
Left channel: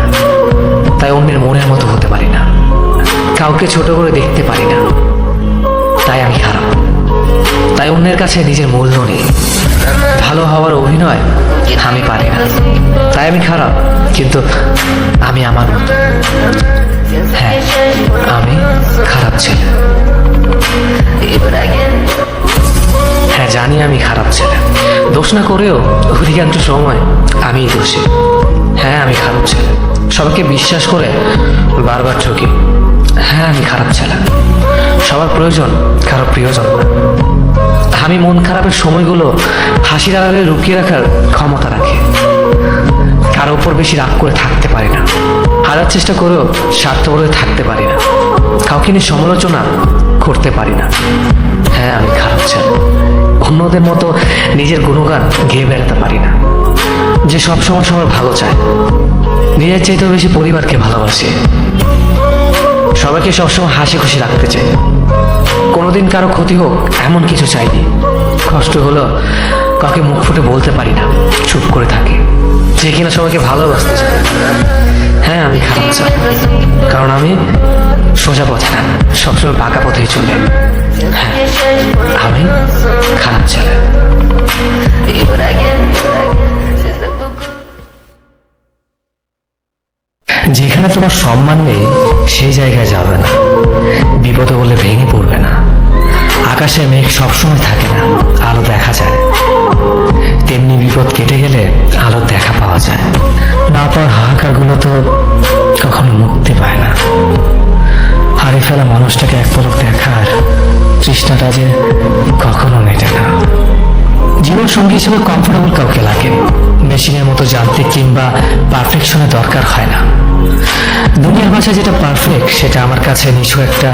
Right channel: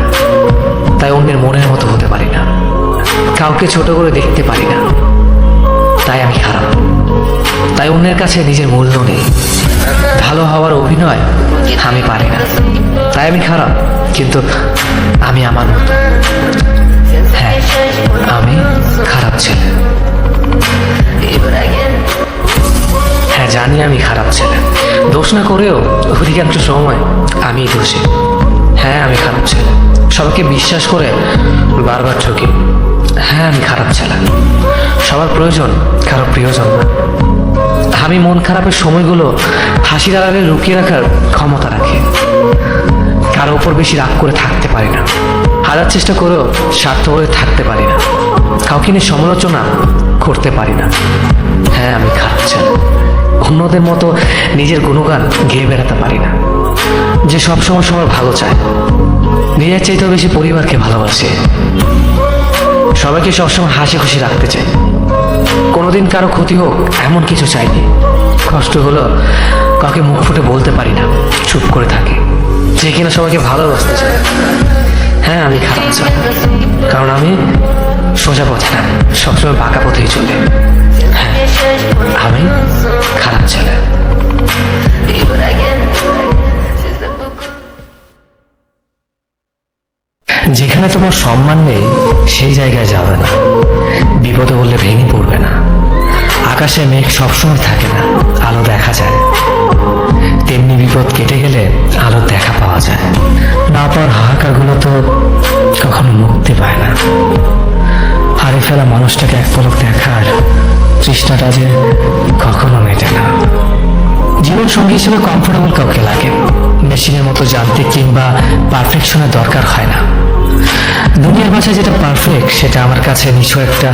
তাই অন্যের মনের মতো হতে পারি না। কাউকে ছোট করে দেখতে পারি না, তাই আমি খারাপ। তাই অন্যের কাছে নিজের মূল্য নেই। ভালো হওয়ার অভিনয় আমি পারি না, তাই আমি খারাপ। কিন্তু আমি আমার মতো। হ্যাঁ, আমি খারাপ ছেলে। হ্যাঁ, জানি আমি খারাপ ছেলে। দোষ না করেও অধিকাংশ সময় আমিই দোষী। হ্যাঁ, আমি খারাপ ছেলে। সবাইকে বিশ্বাস করে বারবার ঠকি। হ্যাঁ, আমি খারাপ ছেলে। সবার প্রয়োজন কারো প্রিয়জন। আমি মন খারাপের সময়গুলো হাসির আড়ালে লুকিয়ে রাখার ক্ষমতা রাখি। কারো উপর বেশি রাগ করে থাকতে পারি না। হারার চেষ্টা করেও স্বার্থপরে থাকতে পারি না। কাউকে নিয়ে সমালোচনা করতে পারি না। হ্যাঁ, আমি খারাপ ছেলে। অন্যদের মতো নিজের গুণগান গেয়ে বেড়াতে পারি না। যে সবসময় সবার ভালো চায়, নিজের চাইতেও বেশি পরিবারকে ভালোবাসে। সবাইকে সবসময় হাসি খুশি রাখতে চাই। কোনোদিন কারো ক্ষতি হোক এমন কিছু চাইনি। কষ্ট হলো কাউকে মুখ ফুটে বলতে পারি না, চুপ করে থাকি। যে কিনা সবাইকে ভালোবাসতে চায়। হ্যাঁ, আমি খারাপ ছেলে, কারণ আমি সোজা পথে না, সবসময় পাকা পথেই চলে। হ্যাঁ, আমি খারাপ ছেলে। যেখানে তোমার সম্মান নেই সেই জায়গায় যাবে না। বিপদে বলে ভেঙে পড়বে না। আকাশে মেঘ সবসময় থাকে না, আলো দেখা যায়। তেমনি বিপদ কেটে গেলে আলোর দেখা পাওয়া যায়। না পাওয়ার হাহাকারগুলো তো কখনো মুক্তি পায় না। হারিয়ে ফেলা মানুষটাকে এক পলক দেখার তৃষ্ণাটা যে কখনো মেটে না। জীবন সঙ্গী হিসেবে কমফোর্টেবল কাউকে লাগে। মেশিনের মতো যান্ত্রিক কিংবা পারফেকশনের দরকার হয় না। দুনিয়ার ভাষায় যেটা পারফেক্ট সেটা আমার কাছে নিছক একটা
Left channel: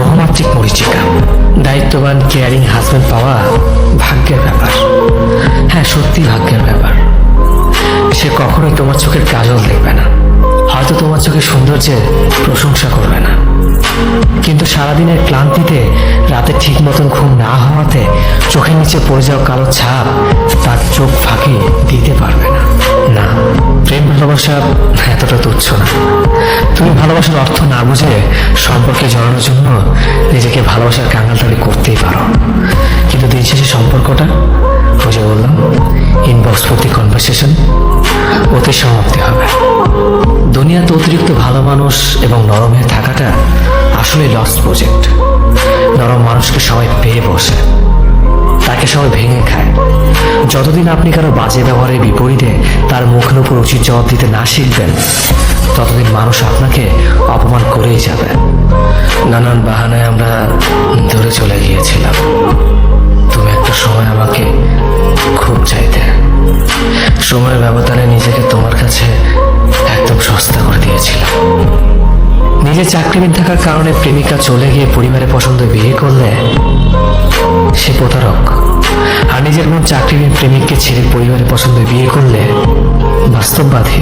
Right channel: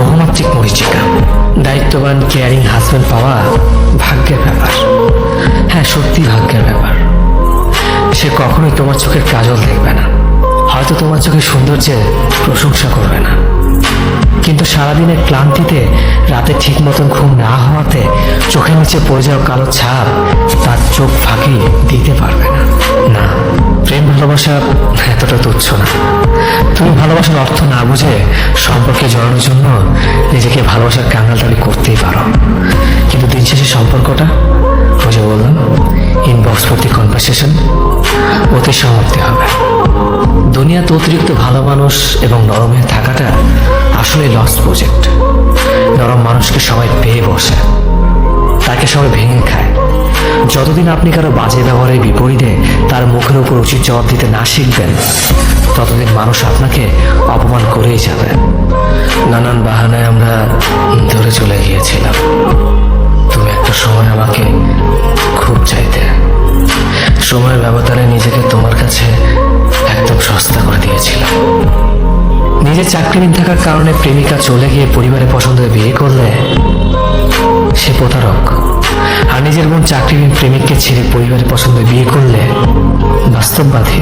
বহুমাত্রিক মরীচিকা। দায়িত্ববান কেয়ারিং হাজব্যান্ড পাওয়া ভাগ্যের ব্যাপার। হ্যাঁ, সত্যি ভাগ্যের ব্যাপার। সে কখনোই তোমার চোখের কাজল দেখবে না, হয়তো তোমার চোখের সৌন্দর্যের প্রশংসা করবে না, কিন্তু সারাদিনের ক্লান্তিতে রাতে ঠিক মতন ঘুম না হওয়াতে চোখের নিচে পড়ে যাওয়া কালো ছাপ তার চোখ ফাঁকি দিতে পারবে না। না, প্রেম ভালোবাসা এতটা তুচ্ছ না। তুমি ভালোবাসার অর্থ না বুঝে সম্পর্কে জড়ানোর জন্য নিজেকে ভালোবাসার কাঙ্গালতালি করতেই পারো, কিন্তু দিন শেষে সম্পর্কটা, ওই যে বললাম, ইনবক্স প্রতি কনভারসেশন, ওতে সমাপ্তি হবে। দুনিয়াতে অতিরিক্ত ভালো মানুষ এবং নরম হয়ে থাকাটা আসলে লস প্রজেক্ট। নরম মানুষকে সবাই পেয়ে বসে, তাকে সবাই ভেঙে খায়। যতদিন আপনি কারো বাজে ব্যবহারের বিপরীতে তার মুখের উপর উচিত জবাব দিতে না শিখবেন, ততদিন মানুষ আপনাকে অপমান করেই যাবে। নানান বাহানায় আমরা দূরে চলে গিয়েছিলাম। তুমি একটা সময় আমাকে খুব চাইতে। সময়ের ব্যবধানে নিজেকে তোমার কাছে একদম সস্তা করে দিয়েছিলাম। নিজের চাকরিহীন থাকার কারণে প্রেমিকা চলে গিয়ে পরিবারের পছন্দ বিয়ে করলে সে প্রতারক। আর নিজের বোন চাকরিহীন প্রেমিককে ছেড়ে পরিবারের পছন্দ বিয়ে করলে বাস্তববাদী।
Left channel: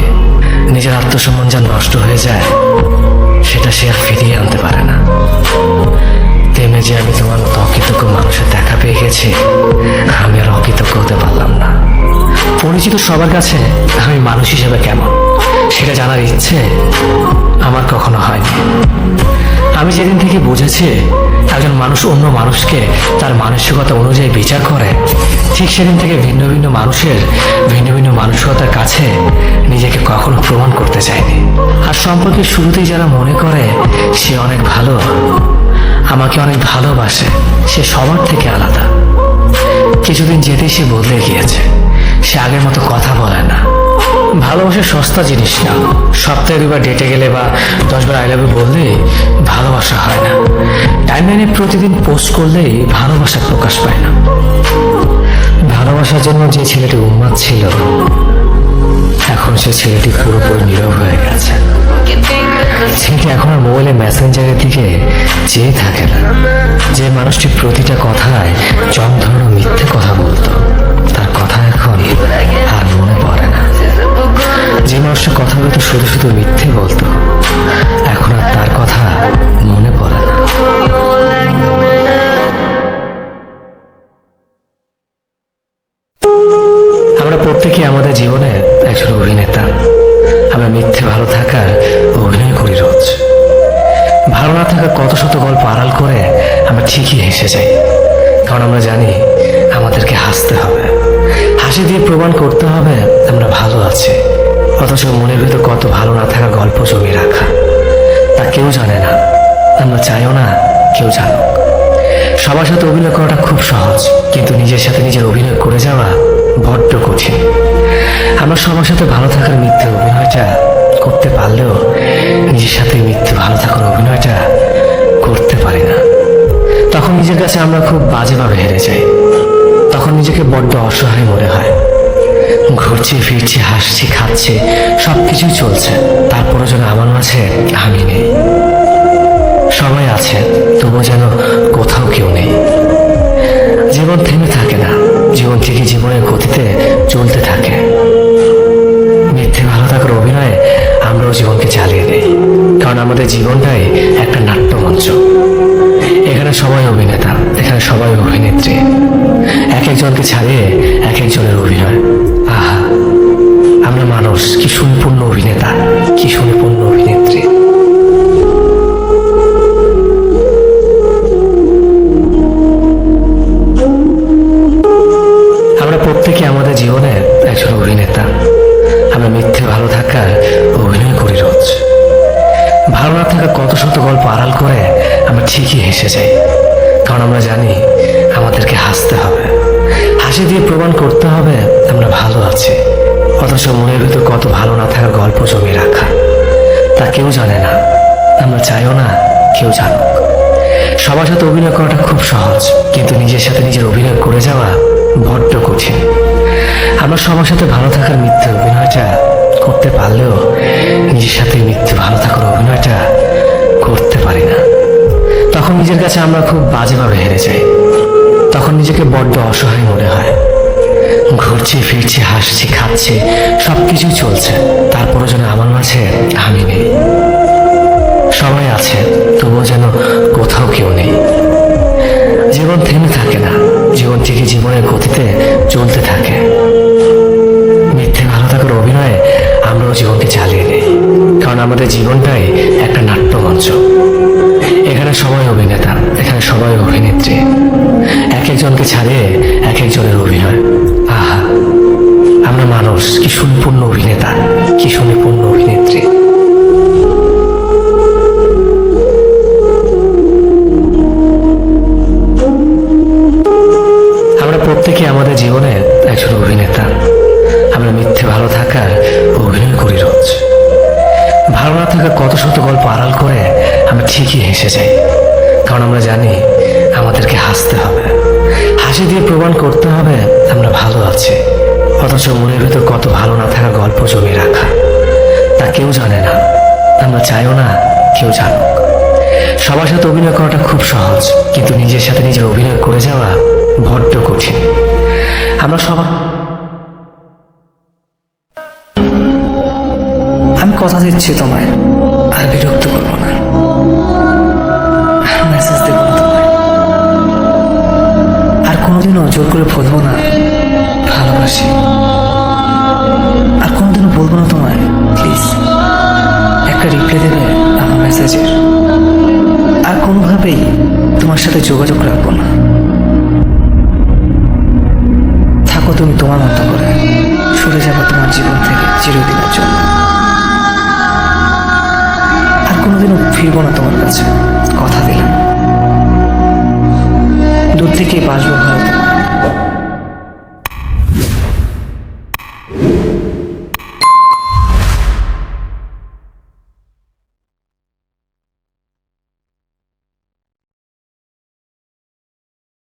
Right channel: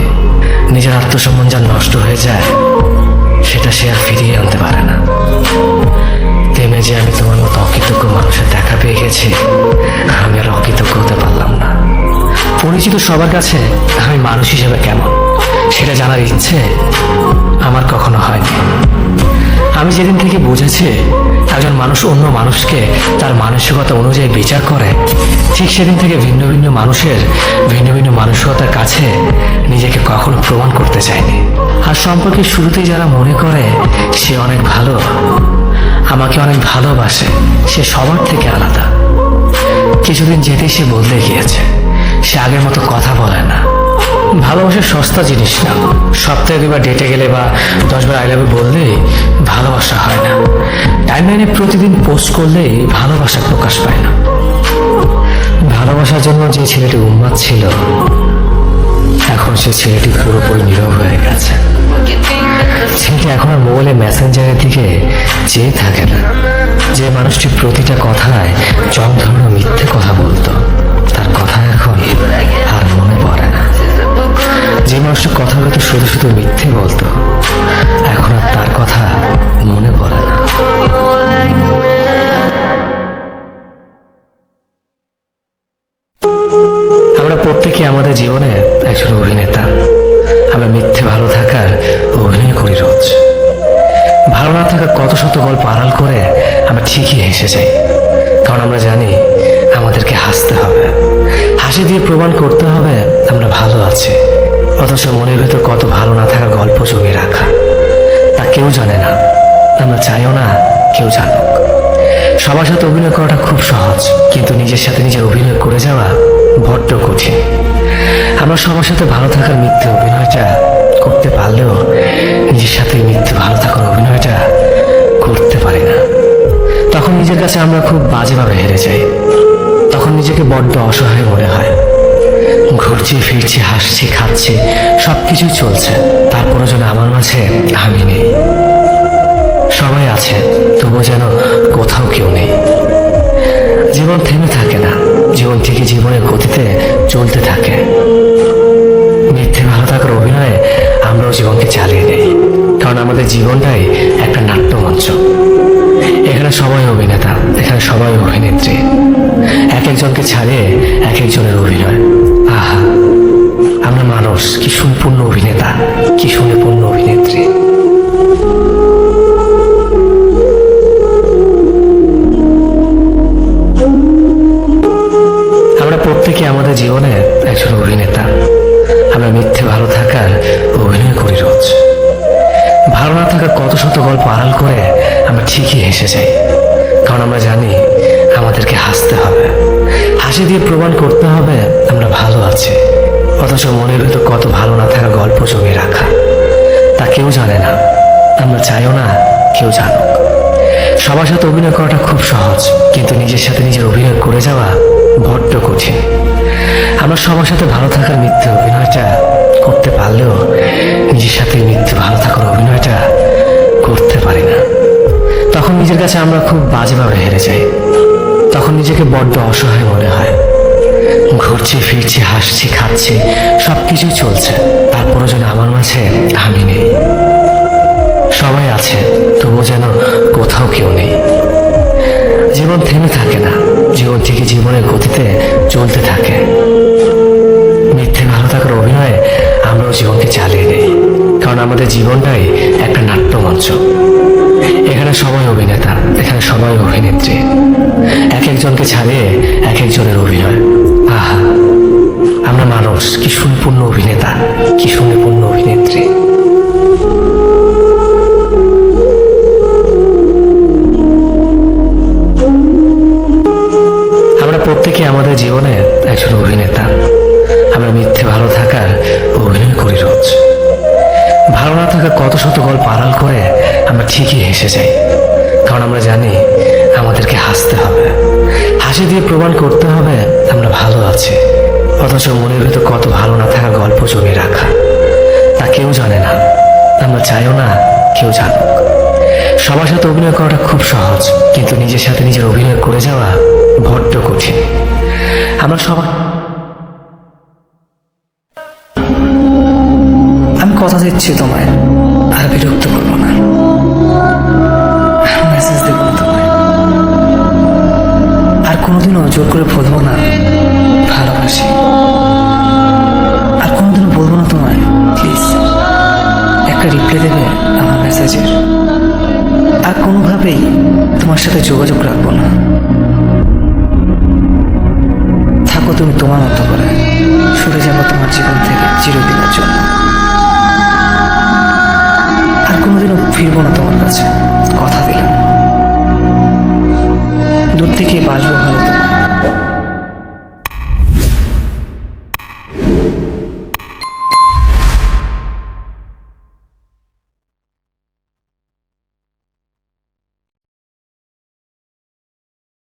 নিজের আত্মসম্মান যা নষ্ট হয়ে যায় সেটা সে আর ফিরিয়ে আনতে পারে না। তেমনি যে আমি তোমার মতো অকৃতজ্ঞ মানুষের দেখা পেয়ে গেছি, আমি আর অকৃতজ্ঞ হতে পারলাম না। পরিচিত সবার কাছে আমি মানুষ হিসেবে কেমন সেটা জানার ইচ্ছে আমার কখনো হয়নি। আমি যেদিন থেকে বুঝেছি একজন মানুষ অন্য মানুষকে তার মানসিকতা অনুযায়ী বিচার করে, ঠিক সেদিন থেকে ভিন্ন ভিন্ন মানুষের ভিন্ন ভিন্ন মানসিকতার কাছে নিজেকে কখনো প্রমাণ করতে চাইনি। আর সম্পর্কের শুরুতেই যারা মনে করে সে অনেক ভালো, আমাকে অনেক ভালোবাসে, সে সবার থেকে আলাদা, কিছুদিন যেতেই সে বদলে গিয়েছে। সে আগের মতো কথা বলে না। ভালোবাসা সস্তা জিনিস না। সপ্তাহে দুবার ডেটে গেলে বা 10 বার আই লাভ ইউ বললেই ভালোবাসা হয় না। টাইমলাইনে প্রতিদিন পোস্ট করলেই ভালোবাসা প্রকাশ পায় না। ভালোবাসার জন্য যে ছেলেটি উন্মাদ ছিল, এখন সে ছেলেটি পুরোপুরি নীরব হয়ে গেছে। ছেলেটি এখন আর মোবাইলে মেসেঞ্জারের দিকে চেয়ে থাকে না। যে মানুষটি প্রতিটা কথায় জং ধরানো মিথ্যে কথা বলতো, তার কথা এখন আর মনে পড়ে না। যে মানুষের কথা বলতো শুধু শুধু মিথ্যে বলতো, এখন আর তার কথা মনে পড়ে না। প্রত্যেকে আমাদের জীবনে একজন অভিনেতা। আমরা মিথ্যে ভালো থাকার অভিনয় করি রোজ। ভালো না থাকার কত শত গল্প আড়াল করে আমরা ঠিকই হেসে যাই, কারণ আমরা জানি আমাদেরকে হাসতে হবে, হাসি দিয়ে প্রমাণ করতে হবে আমরা ভালো আছি। অথচ মনের ভিতর কত ভালো না থাকার গল্প জমে রাখা, তা কেউ জানে না, আমরা চাইও না কেউ জানুক। সবার সাথে অভিনয় করাটা খুব সহজ, কিন্তু নিজের সাথে নিজের অভিনয় করে যাওয়া বড্ড কঠিন। আমরা সবার সাথে ভালো থাকার মিথ্যে অভিনয়টা করতে পারলেও নিজের সাথে মিথ্যে ভালো থাকার অভিনয়টা করতে পারি না। তখন নিজের কাছে আমরা খুব বাজেভাবে হেরে যাই। তখন নিজেকে বড্ড অসহায় মনে হয়। ঘুরছি ফিরছি, হাসছি খাচ্ছি, সবকিছুই চলছে, তারপরে যেন আমার মাঝে আমি নেই। সবাই আছে, তবুও যেন কোথাও কেউ নেই। জীবন থেমে থাকে না, জীবন থেকে জীবনের গতিতে চলতে থাকে। মিথ্যে ভালো থাকার অভিনয়ে আমরাও জীবনকে চালিয়ে নেই, কারণ আমাদের জীবনটাই একটা নাট্যমঞ্চ। এখানে সবাই অভিনেতা, এখানে সবাই অভিনেত্রী। এক একজনকে ছাড়িয়ে এক একজনের অভিনয়। আহা, আমরা মানুষ, কি সম্পূর্ণ অভিনেতা, কি সম্পূর্ণ অভিনেত্রী। আমরা প্রত্যেকে আমাদের জীবনে একজন অভিনেতা। আমরা মিথ্যে ভালো থাকার অভিনয় করি রোজ। ভালো না থাকার কত শত গল্প আড়াল করে আমরা ঠিকই হেসে যাই, কারণ আমরা জানি আমাদেরকে হাসতে হবে, হাসি দিয়ে প্রমাণ করতে হবে আমরা ভালো আছি। অথচ মনের ভিতর কত ভালো না থাকার গল্প জমে রাখা, তা কেউ জানে না, আমরা চাইও না কেউ জানুক। সবার সাথে অভিনয় করাটা খুব সহজ, কিন্তু নিজের সাথে নিজের অভিনয় করে যাওয়া বড্ড কঠিন। আমরা সবার সাথে ভালো থাকার মিথ্যে অভিনয়টা করতে পারলেও নিজের সাথে মিথ্যে ভালো থাকার অভিনয়টা করতে পারি না। তখন নিজের কাছে আমরা খুব বাজেভাবে হেরে যাই। তখন নিজেকে বড্ড অসহায় মনে হয়। ঘুরছি ফিরছি, হাসছি খাচ্ছি, সবকিছুই চলছে, তারপরে যেন আমার মাঝে আমি নেই। সবাই আছে, তবুও যেন কোথাও কেউ নেই। জীবন থেমে থাকে না, জীবন থেকে জীবনের গতিতে চলতে থাকে। মিথ্যে ভালো থাকার অভিনয়ে আমরাও জীবনকে চালিয়ে নেই, কারণ আমাদের জীবনটাই একটা নাট্যমঞ্চ। এখানে সবাই অভিনেতা, এখানে সবাই অভিনেত্রী। এক একজনকে ছাড়িয়ে এক একজনের অভিনয়। আহা, আমরা মানুষ, কি সম্পূর্ণ অভিনেতা, কি সম্পূর্ণ অভিনেত্রী। আমরা প্রত্যেকে আমাদের জীবনে একজন অভিনেতা। আমরা মিথ্যে ভালো থাকার অভিনয় করি রোজ। ভালো না থাকার কত শত গল্প আড়াল করে আমরা ঠিকই হেসে যাই, কারণ আমরা জানি আমাদেরকে হাসতে হবে, হাসি দিয়ে প্রমাণ করতে হবে আমরা ভালো আছি। অথচ মনের ভেতর কত ভালো না থাকার গল্প জমে রাখা, তা কেউ জানে না, আমরা চাইও না কেউ জানুক। সবার সাথে অভিনয় করাটা খুব সহজ, কিন্তু নিজের সাথে নিজের অভিনয় করে যাওয়া বড্ড কঠিন। আমরা সবাই আমি কথা দিচ্ছি তোমায় আর বিরক্ত করবো না, মেসেজ দেবো না তোমায়, আর কোনোদিনও জোর করে বলবো না ভালোবাসি, আর কোনোদিনও বলবো না তোমায় প্লিজ একটা রিপ্লাই দেবে আমার মেসেজের, আর কোনোভাবেই তোমার সাথে যোগাযোগ রাখবো না। থাকো তুমি তোমার মতো করে, সরে যাবো তোমার জীবন থেকে চিরদিনের জন্য, আর কোনোদিনও ফিরবো না তোমার কাছে, কথা দিলাম। দূর থেকে বাসবো ভালো